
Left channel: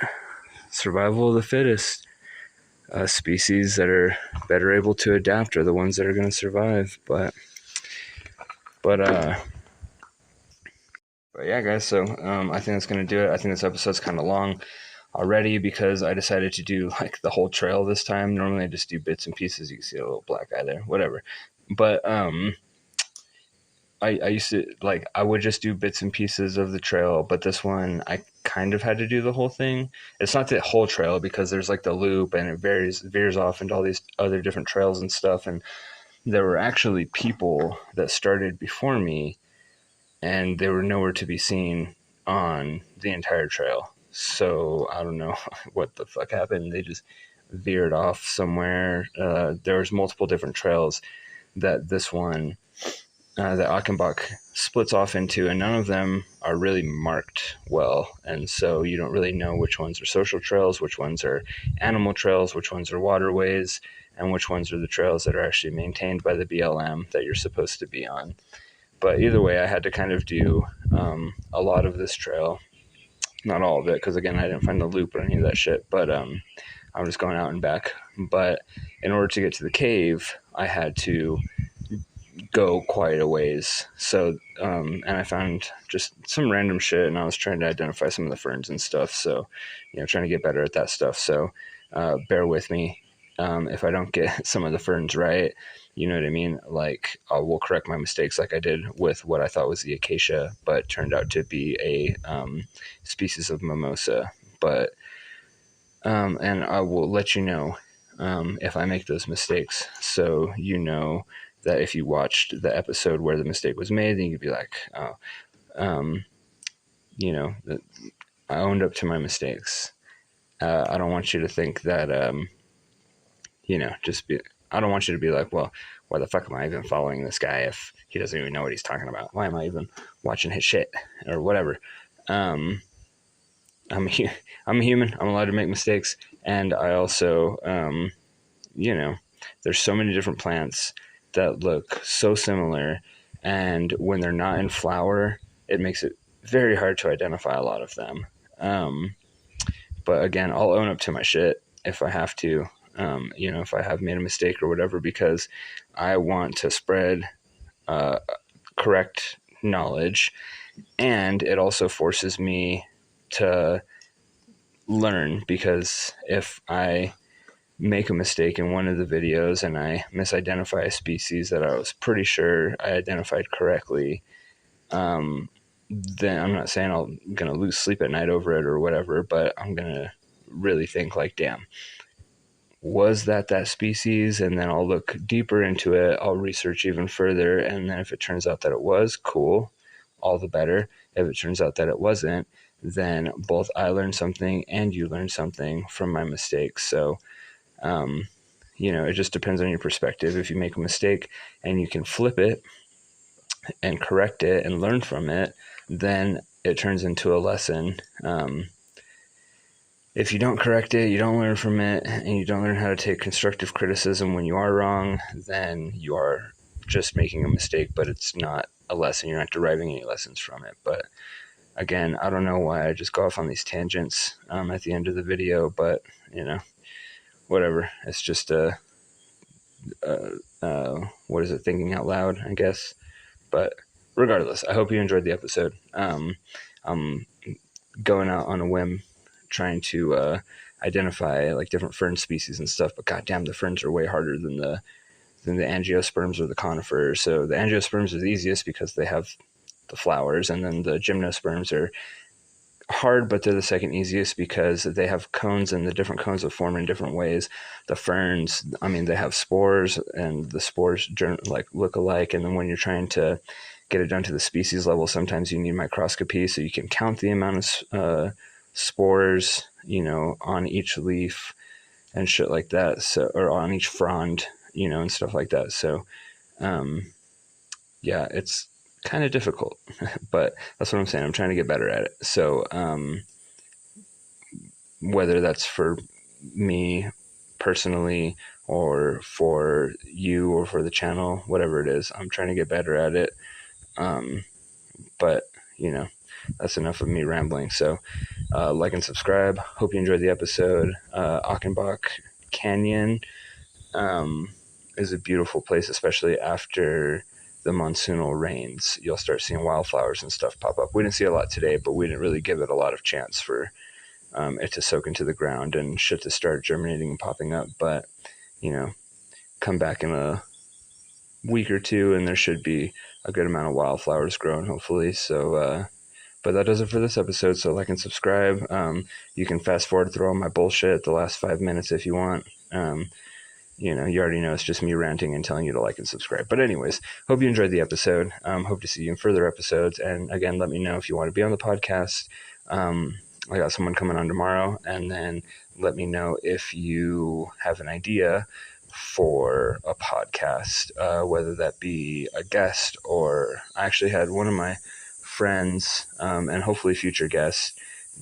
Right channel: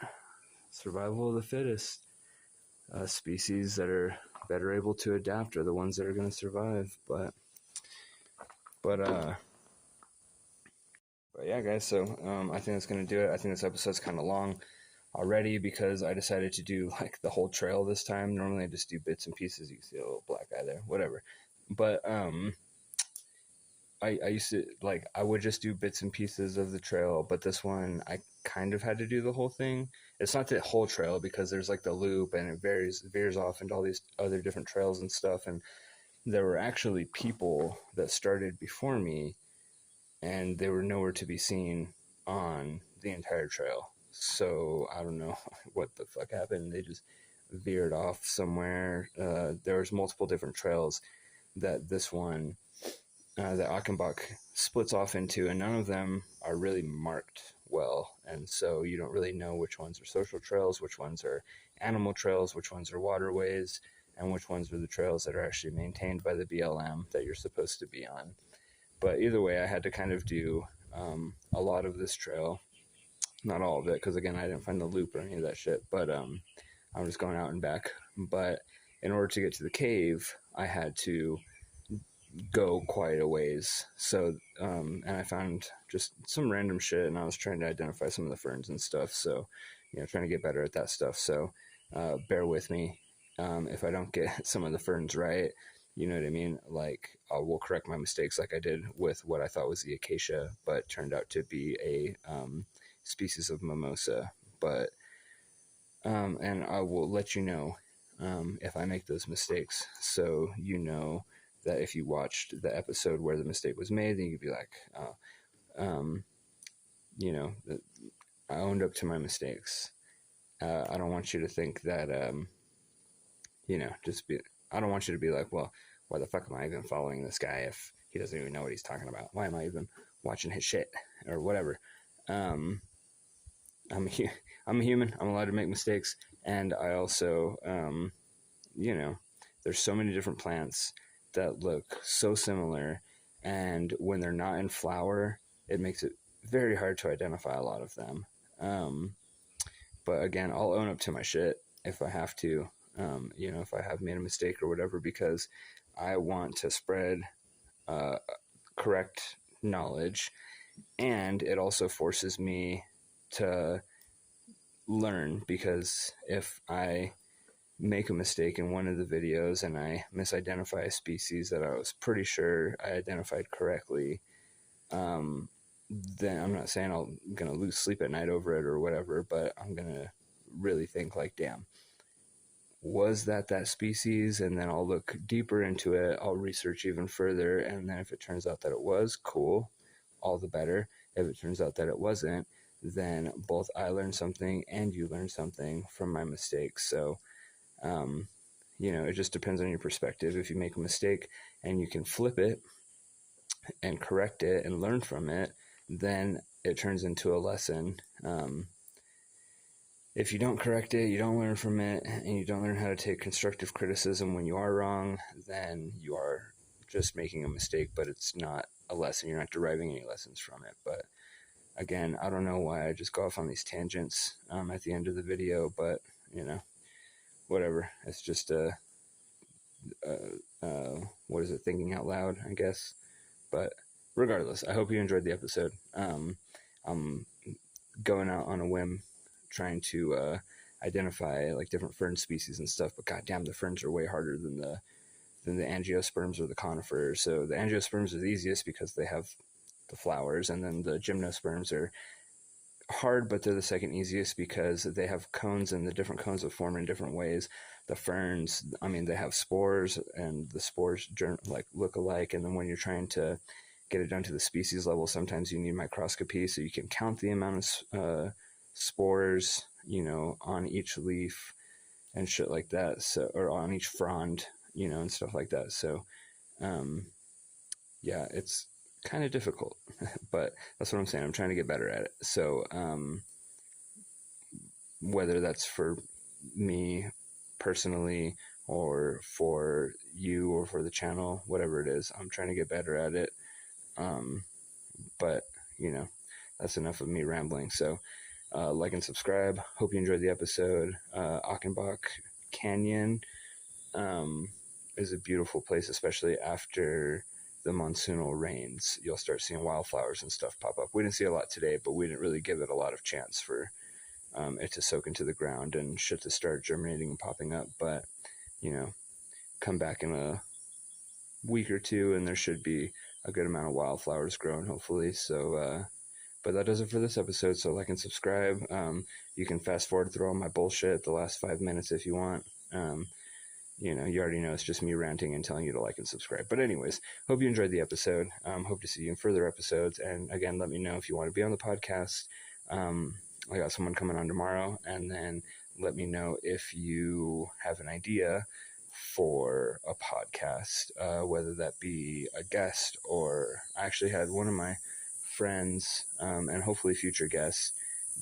Survival of the fittest. Species that are better able to adapt are the ones that are going to survive. But yeah, guys, so I think that's going to do it. I think this episode's kind of long already because I decided to do like the whole trail this time. Normally I just do bits and pieces. You can see a little black eye there, whatever. But I used to, like, I would just do bits and pieces of the trail, but this one I kind of had to do the whole thing. It's not the whole trail because there's like the loop and it veers off into all these other different trails and stuff. And there were actually people that started before me, and they were nowhere to be seen on the entire trail. So I don't know what the fuck happened. They just veered off somewhere. There was multiple different trails that this one, that Achenbach splits off into, and none of them are really marked well. And so you don't really know which ones are social trails, which ones are animal trails, which ones are waterways, and which ones are the trails that are actually maintained by the BLM that you're supposed to be on. But either way, I had to kind of do a lot of this trail. Not all of it, because again, I didn't find the loop or any of that shit, but I'm just going out and back. But in order to get to the cave, I had to go quite a ways. So, and I found just some random shit, and I was trying to identify some of the ferns and stuff. So, trying to get better at that stuff. So, bear with me if I don't get some of the ferns right. You know what I mean? Like, I will correct my mistakes like I did with what I thought was the acacia, but turned out to be a species of mimosa. But, and I will let you know if I make those mistakes. So, that if you watched the episode where the mistake was made, then you could be like, oh, I owned up to my mistakes. I don't want you to think that, I don't want you to be like, well, why the fuck am I even following this guy if he doesn't even know what he's talking about? Why am I even watching his shit or whatever? I'm I'm a human. I'm allowed to make mistakes, and I also, there's so many different plants that look so similar, and when they're not in flower, it makes it very hard to identify a lot of them. But again, I'll own up to my shit if I have to. If I have made a mistake or whatever, because I want to spread correct knowledge, and it also forces me to learn, because if I make a mistake in one of the videos and I misidentify a species that I was pretty sure I identified correctly, then I'm not saying I'm going to lose sleep at night over it or whatever, but I'm going to really think like, damn, was that species? And then I'll look deeper into it. I'll research even further. And then if it turns out that it was, cool, all the better. If it turns out that it wasn't, then both I learned something and you learned something from my mistakes. So, it just depends on your perspective. If you make a mistake and you can flip it and correct it and learn from it, then it turns into a lesson. If you don't correct it, you don't learn from it, and you don't learn how to take constructive criticism when you are wrong, then you are just making a mistake, but it's not a lesson. You're not deriving any lessons from it. But again, I don't know why I just go off on these tangents at the end of the video, but, whatever. It's just what is it, thinking out loud, I guess. But regardless, I hope you enjoyed the episode. I'm going out on a whim, trying to identify like different fern species and stuff, but goddamn, the ferns are way harder than the angiosperms or the conifers. So the angiosperms are the easiest because they have the flowers, and then the gymnosperms are hard, but they're the second easiest because they have cones, and the different cones will form in different ways. The ferns, they have spores, and the spores look alike, and then when you're trying to get it down to the species level, sometimes you need microscopy so you can count the amount of spores, on each leaf and shit like that. So, or on each frond, and stuff like that. So, yeah, it's kind of difficult, but that's what I'm saying. I'm trying to get better at it. So, whether that's for me personally or for you or for the channel, whatever it is, I'm trying to get better at it. But that's enough of me rambling. So, like and subscribe. Hope you enjoyed the episode. Achenbach Canyon is a beautiful place, especially after the monsoonal rains. You'll start seeing wildflowers and stuff pop up. We didn't see a lot today, but we didn't really give it a lot of chance for it to soak into the ground and shit to start germinating and popping up. But, come back in a week or two and there should be a good amount of wildflowers growing, hopefully. So, but that does it for this episode. So like and subscribe. You can fast forward through all my bullshit the last 5 minutes if you want. You already know it's just me ranting and telling you to like and subscribe. But anyways, hope you enjoyed the episode. Hope to see you in further episodes. And again, let me know if you want to be on the podcast. I got someone coming on tomorrow. And then let me know if you have an idea for a podcast, whether that be a guest, or I actually had one of my friends, and hopefully future guests,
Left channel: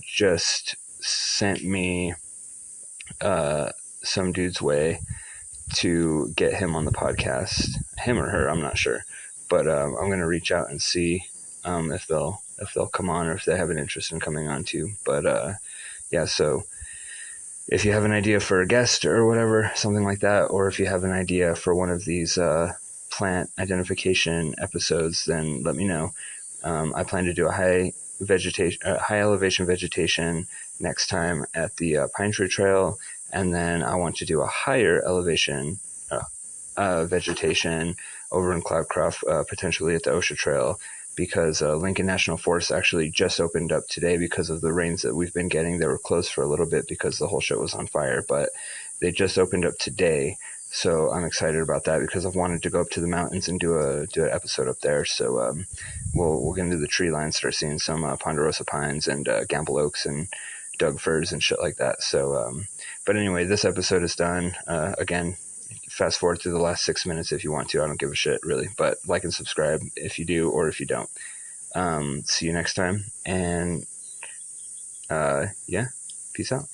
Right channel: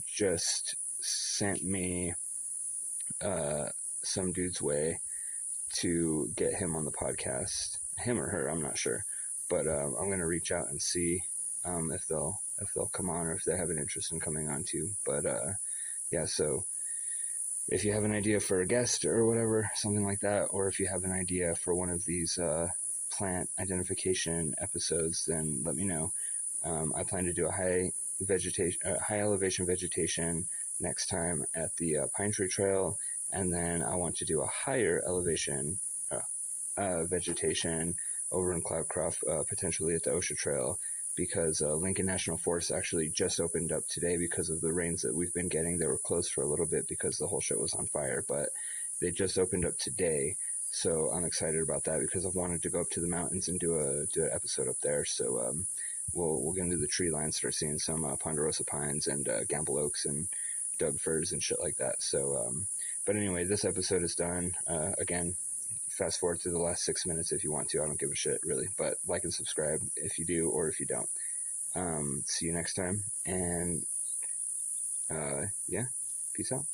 just sent me some dude's way to get him on the podcast, him or her, I'm not sure, but I'm gonna reach out and see if they'll come on, or if they have an interest in coming on too. But yeah, so if you have an idea for a guest or whatever, something like that, or if you have an idea for one of these plant identification episodes, then let me know. I plan to do a high elevation vegetation next time at the Pine Tree Trail, and then I want to do a higher elevation vegetation over in Cloudcroft, potentially at the OSHA Trail, because Lincoln National Forest actually just opened up today because of the rains that we've been getting. They were closed for a little bit because the whole shit was on fire, but they just opened up today. So I'm excited about that because I've wanted to go up to the mountains and do an episode up there. So we'll get into the tree line, start seeing some ponderosa pines and gamble oaks and dug firs and shit like that. So, but anyway, this episode is done. Again, fast forward through the last 6 minutes if you want to. I don't give a shit, really. But like and subscribe if you do or if you don't. See you next time. And, yeah, peace out.